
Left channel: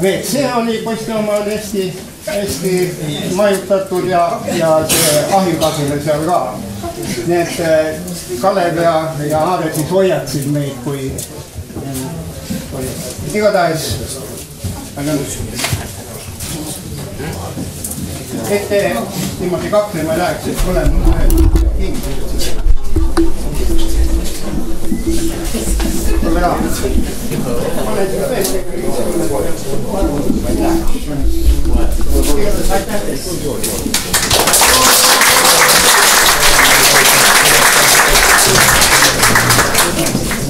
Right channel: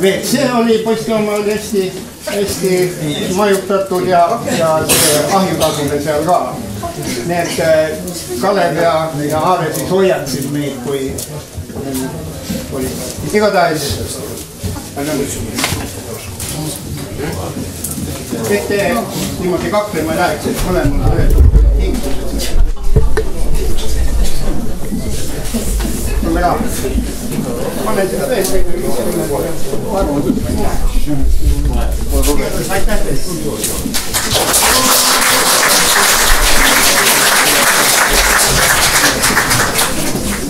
WC oli, posti oma oli hästi majutatud ja see ahjutasule seal ka. Need Kalev ja Aare siis hoiatsid meid, kui igatahes et te niimoodi kaklema ei läheks, et mõlemad tingimused. Mulle ka. Ma olen seda veel.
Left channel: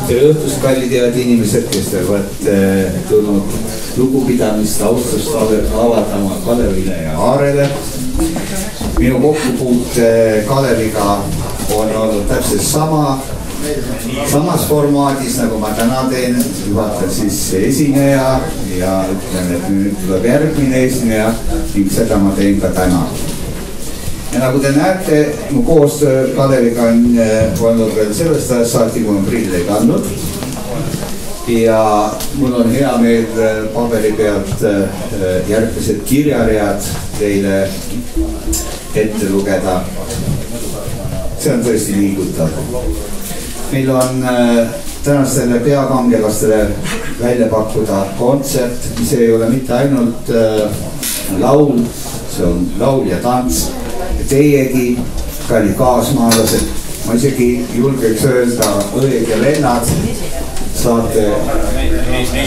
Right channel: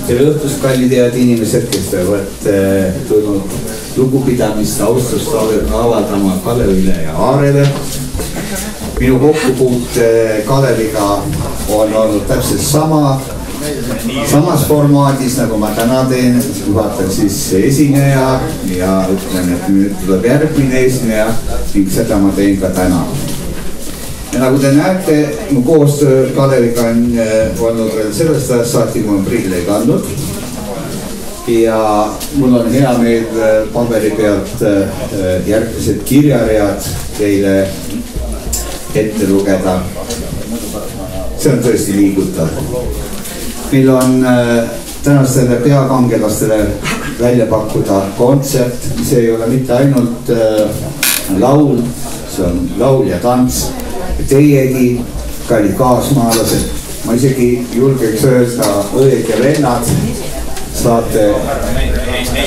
Tere õhtust, kallid head inimesed, kes teevad tulnud lugupidamist, austust avaldama Kalevile ja Aarele. Minu kokkupuut Kaleviga on olnud täpselt samas formaadis, nagu ma täna teen. Vaatan siis esineja ja ütlen, et nüüd tuleb järgmine esineja ning seda ma teen ka täna. Ja nagu te näete, mu koostöö Kaleviga on olnud veel sellest ajast saati, kui ma prille ei kandnud. Ja mul on hea meel paberi pealt järgmised kirjaread teile ette lugeda. See on tõesti liigutav. Meil on tänastele peakangelastele välja pakkuda kontsert, mis ei ole mitte ainult laul, see on laul ja tants. Teiegi, kallid kaasmaalased, ma isegi julgeks öelda õed ja vennad, saate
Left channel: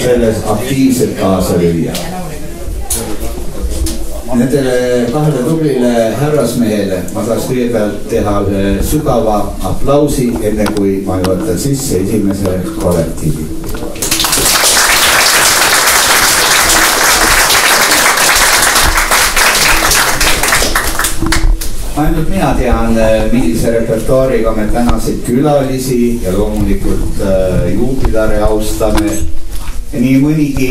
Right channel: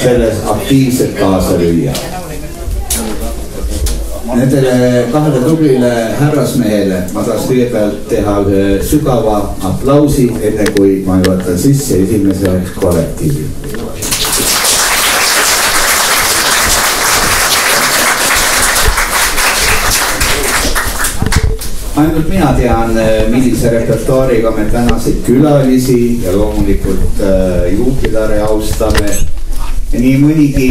selles aktiivselt kaasa lüüa. Nendele kahele tublile härrasmehele ma tahaks kõigepealt teha ühe sügava aplausi, enne kui ma juhatan sisse esimese kollektiivi. Ainult mina tean, millise repertuaariga me tänaseid külalisi ja loomulikult juubilare austame. Nii mõnigi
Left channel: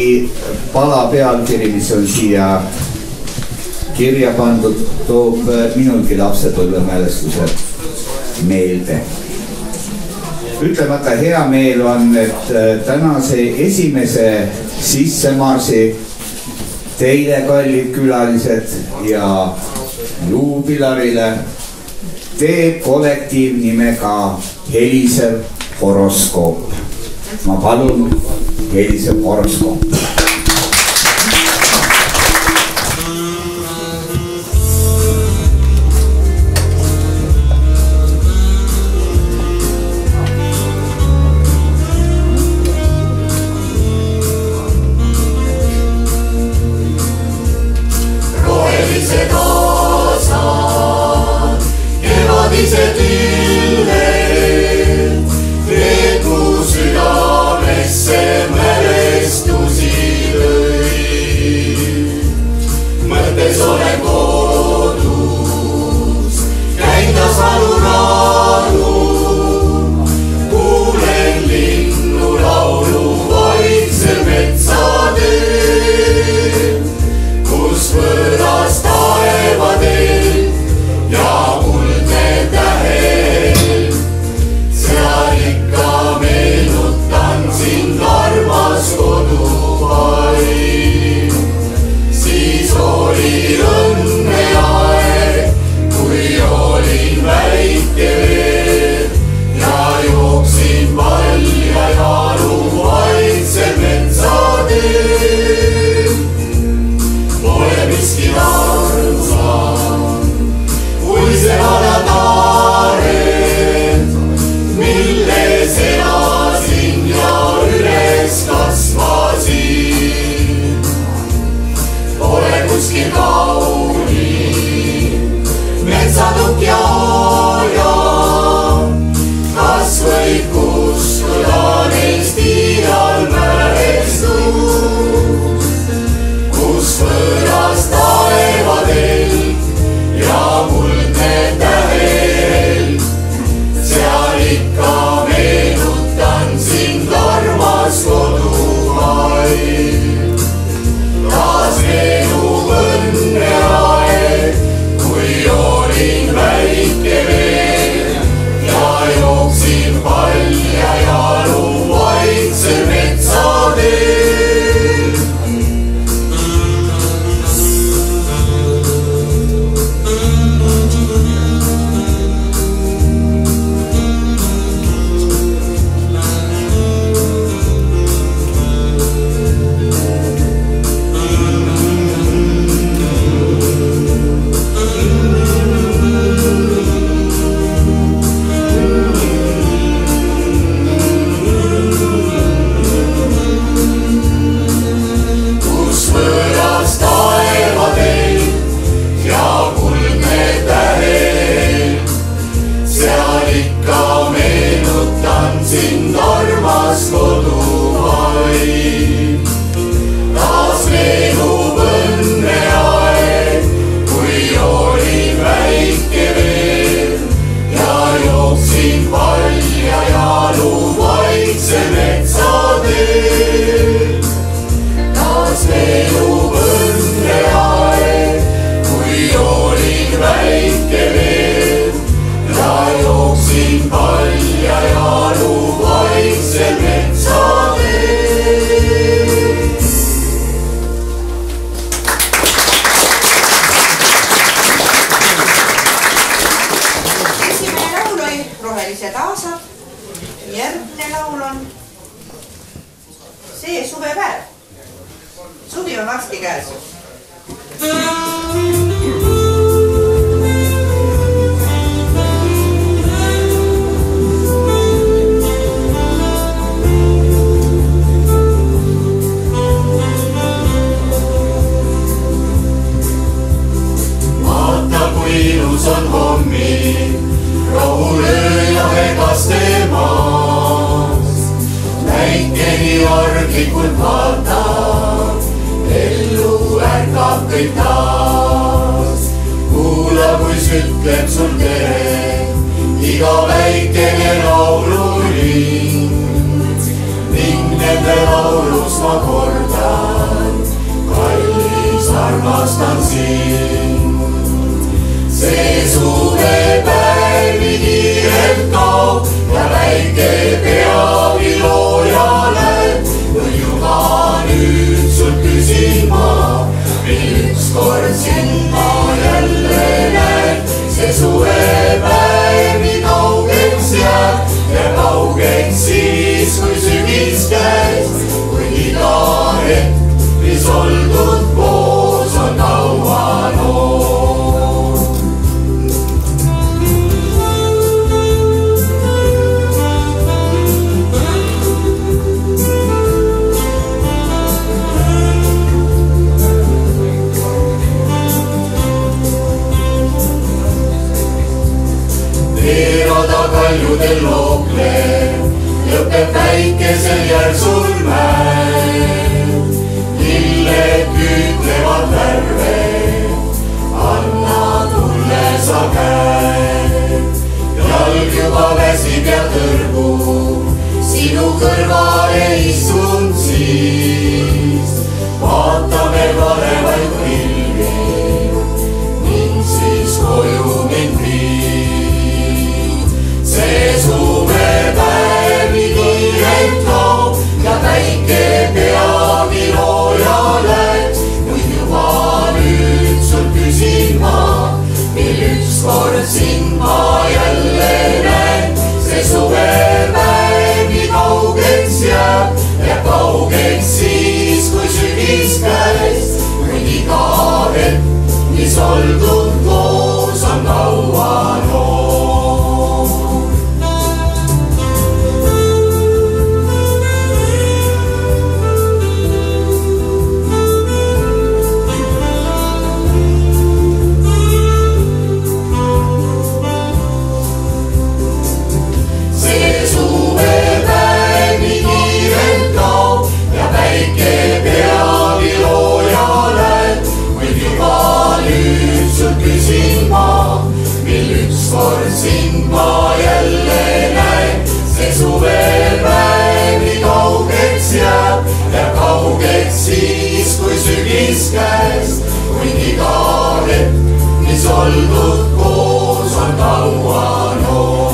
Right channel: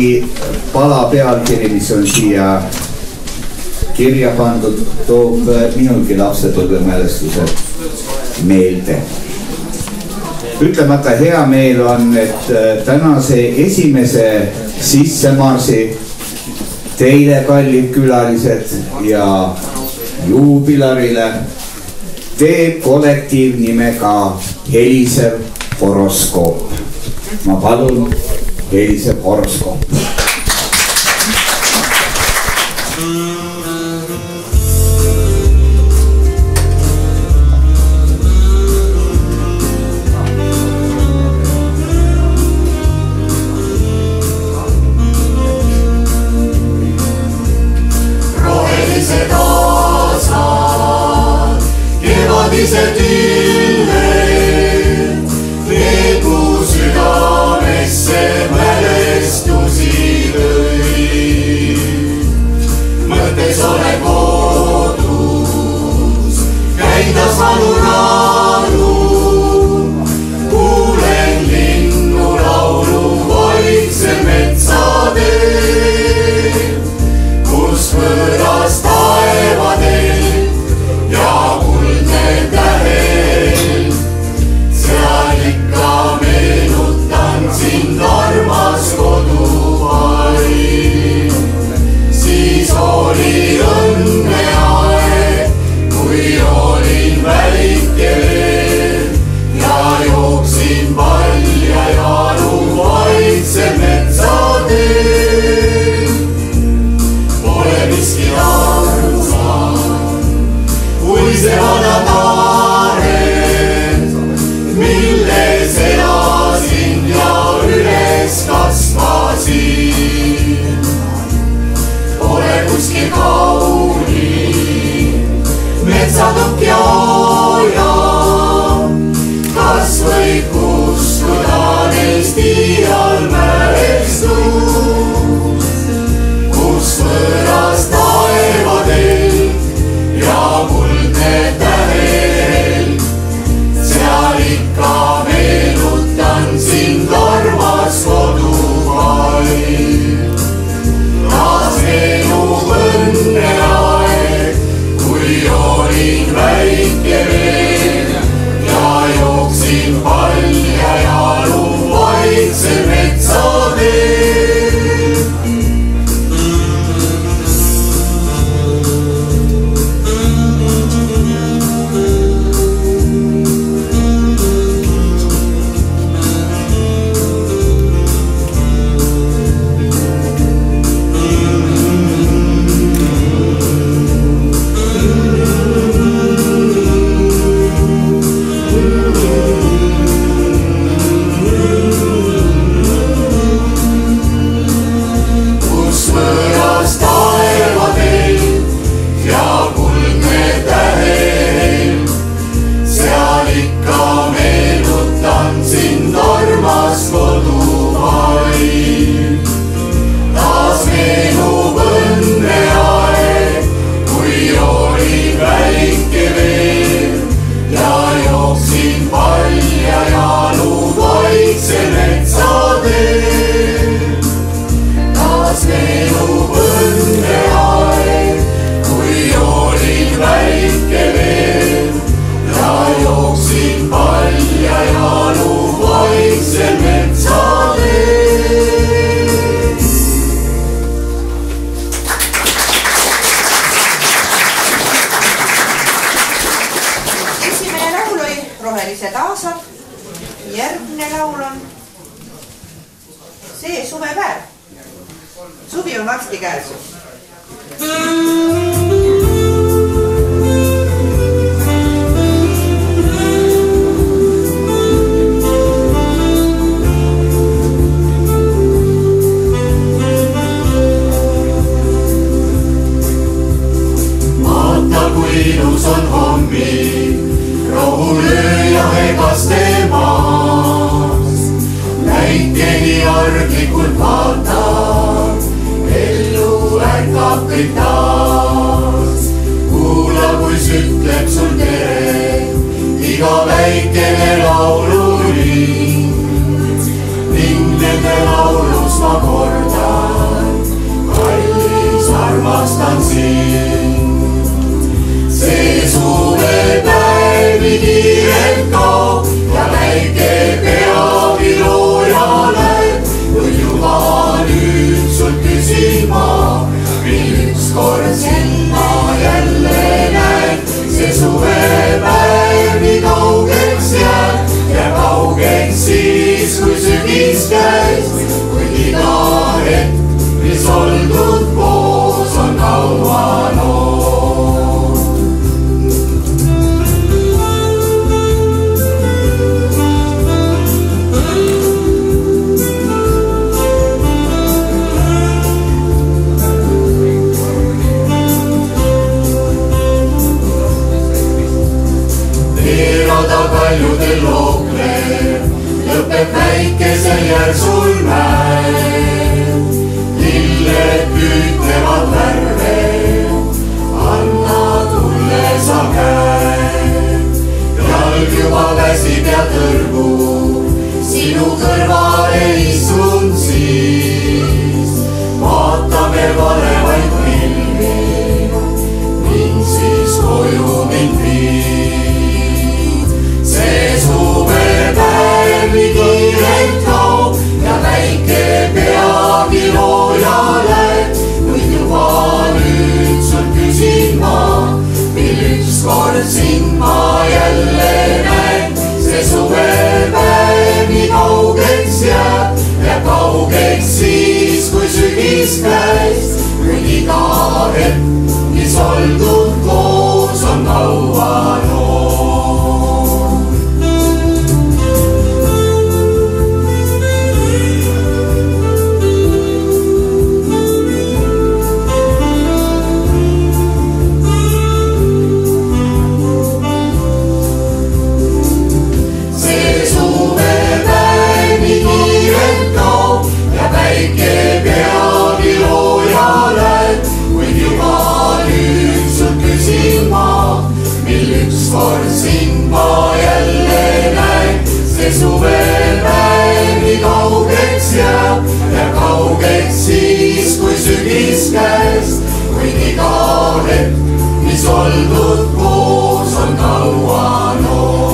pala pealkiri, mis on siia kirja pandud, toob minulgi lapsepõlve mälestused meelde. Ütlemata hea meel on, et tänase esimese sissemarsi teile, kallid külalised ja juubilarile teeb kollektiiv nimega Helisev horoskoop. Ma palun Helisev horoskoop. Südamesse mälestusi Suvelised aasad. Järgmine laul on See suvepäev. Suvi on varsti käes. Vaata kui ilus on hommik, rohulööja Hegaste maas. Näikeni arglikult vaatab, ellu ärkab kõik taas. Kuula, kui sütleb sul tere, iga väikene lauluring. Ning nende laulus ma kordan, kallis armastan sind. See suvepäev nii kiirelt kaob ja väike peagi loojale. Kui juba nüüd sult küsin ma, mil ükskord sind ma jälle näen. See suvepäev nii kaugeks jääb ja kaugeks siis, kui sügis käis. Kuid iga hetk, mis oldud koos, on kaua noor. Teerada kaljudel looklev, lõpeb väikesel järsul mäel. Lilled püütlevad värve, anna tulle sa käe. Jalg juba väsib ja tõrgub, sinu kõrvale istun siis. Vaatame varevaid pilvi, ning siis koju mind viid. See suvepäev nii kiirelt kaob ja väike peagi loojale. Kuid juba nüüd sul küsin ma, mil ükskord sind ma jälle näen. See suvepäev nii kaugeks jääb ja kaugeks siis, kui sügis käis. Kuid iga hetk, mis oldud koos, on kaua noor. Ükskord sind ma jälle näen. See suvepäev nii kaugeks jääb ja kaugeks siis, kui sügis käes. Kuid iga hetk, mis oldud koos, on kaua noor.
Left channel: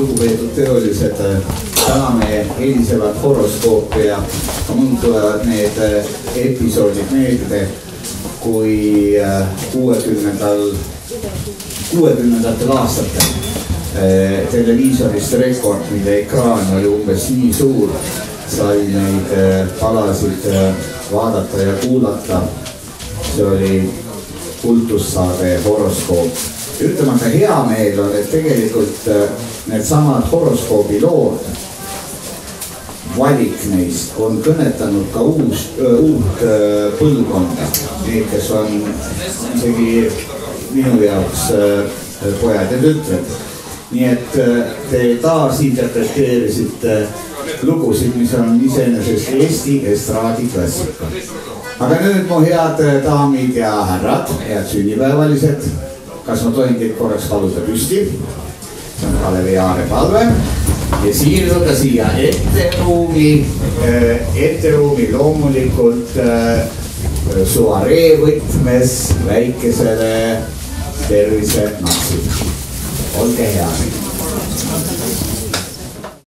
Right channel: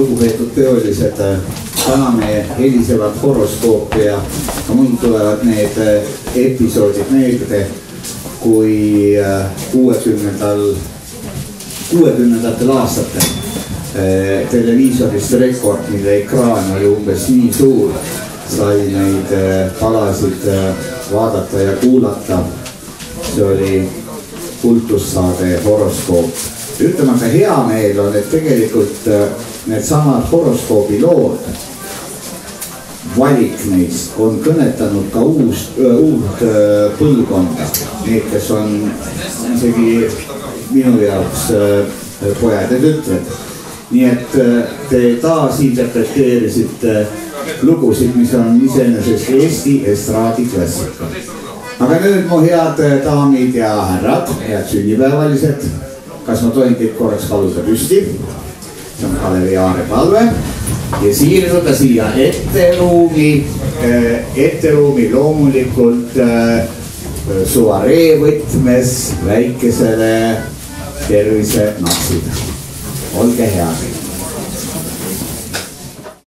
lugupeetud töölised, täna me helisevad horoskoopi ja mul tulevad need episoodid meelde, kui 60-ndatel aastatel televiisorist Rekord, mille ekraan oli umbes nii suur, sai neid palasid vaadata ja kuulata. See oli kultussaade horoskoop. Ütleme, aga hea meel on, et tegelikult need samad horoskoobi lood, valik neist on kõnetanud ka uut põlvkonda. Need, kes on isegi minu jaoks pojad ja tütred. Nii et te taas interpreteerisite lugusid, mis on iseenesest Eesti estraadi klassika. Aga nüüd mu head daamid ja härrad, head sünnipäevalised, kas ma tohin teid korraks paluda püsti? See on Kalevi Aare palve ja siirduda siia etteruumi loomulikult suvaree võtmes väikesele tervise napsud. Olge head.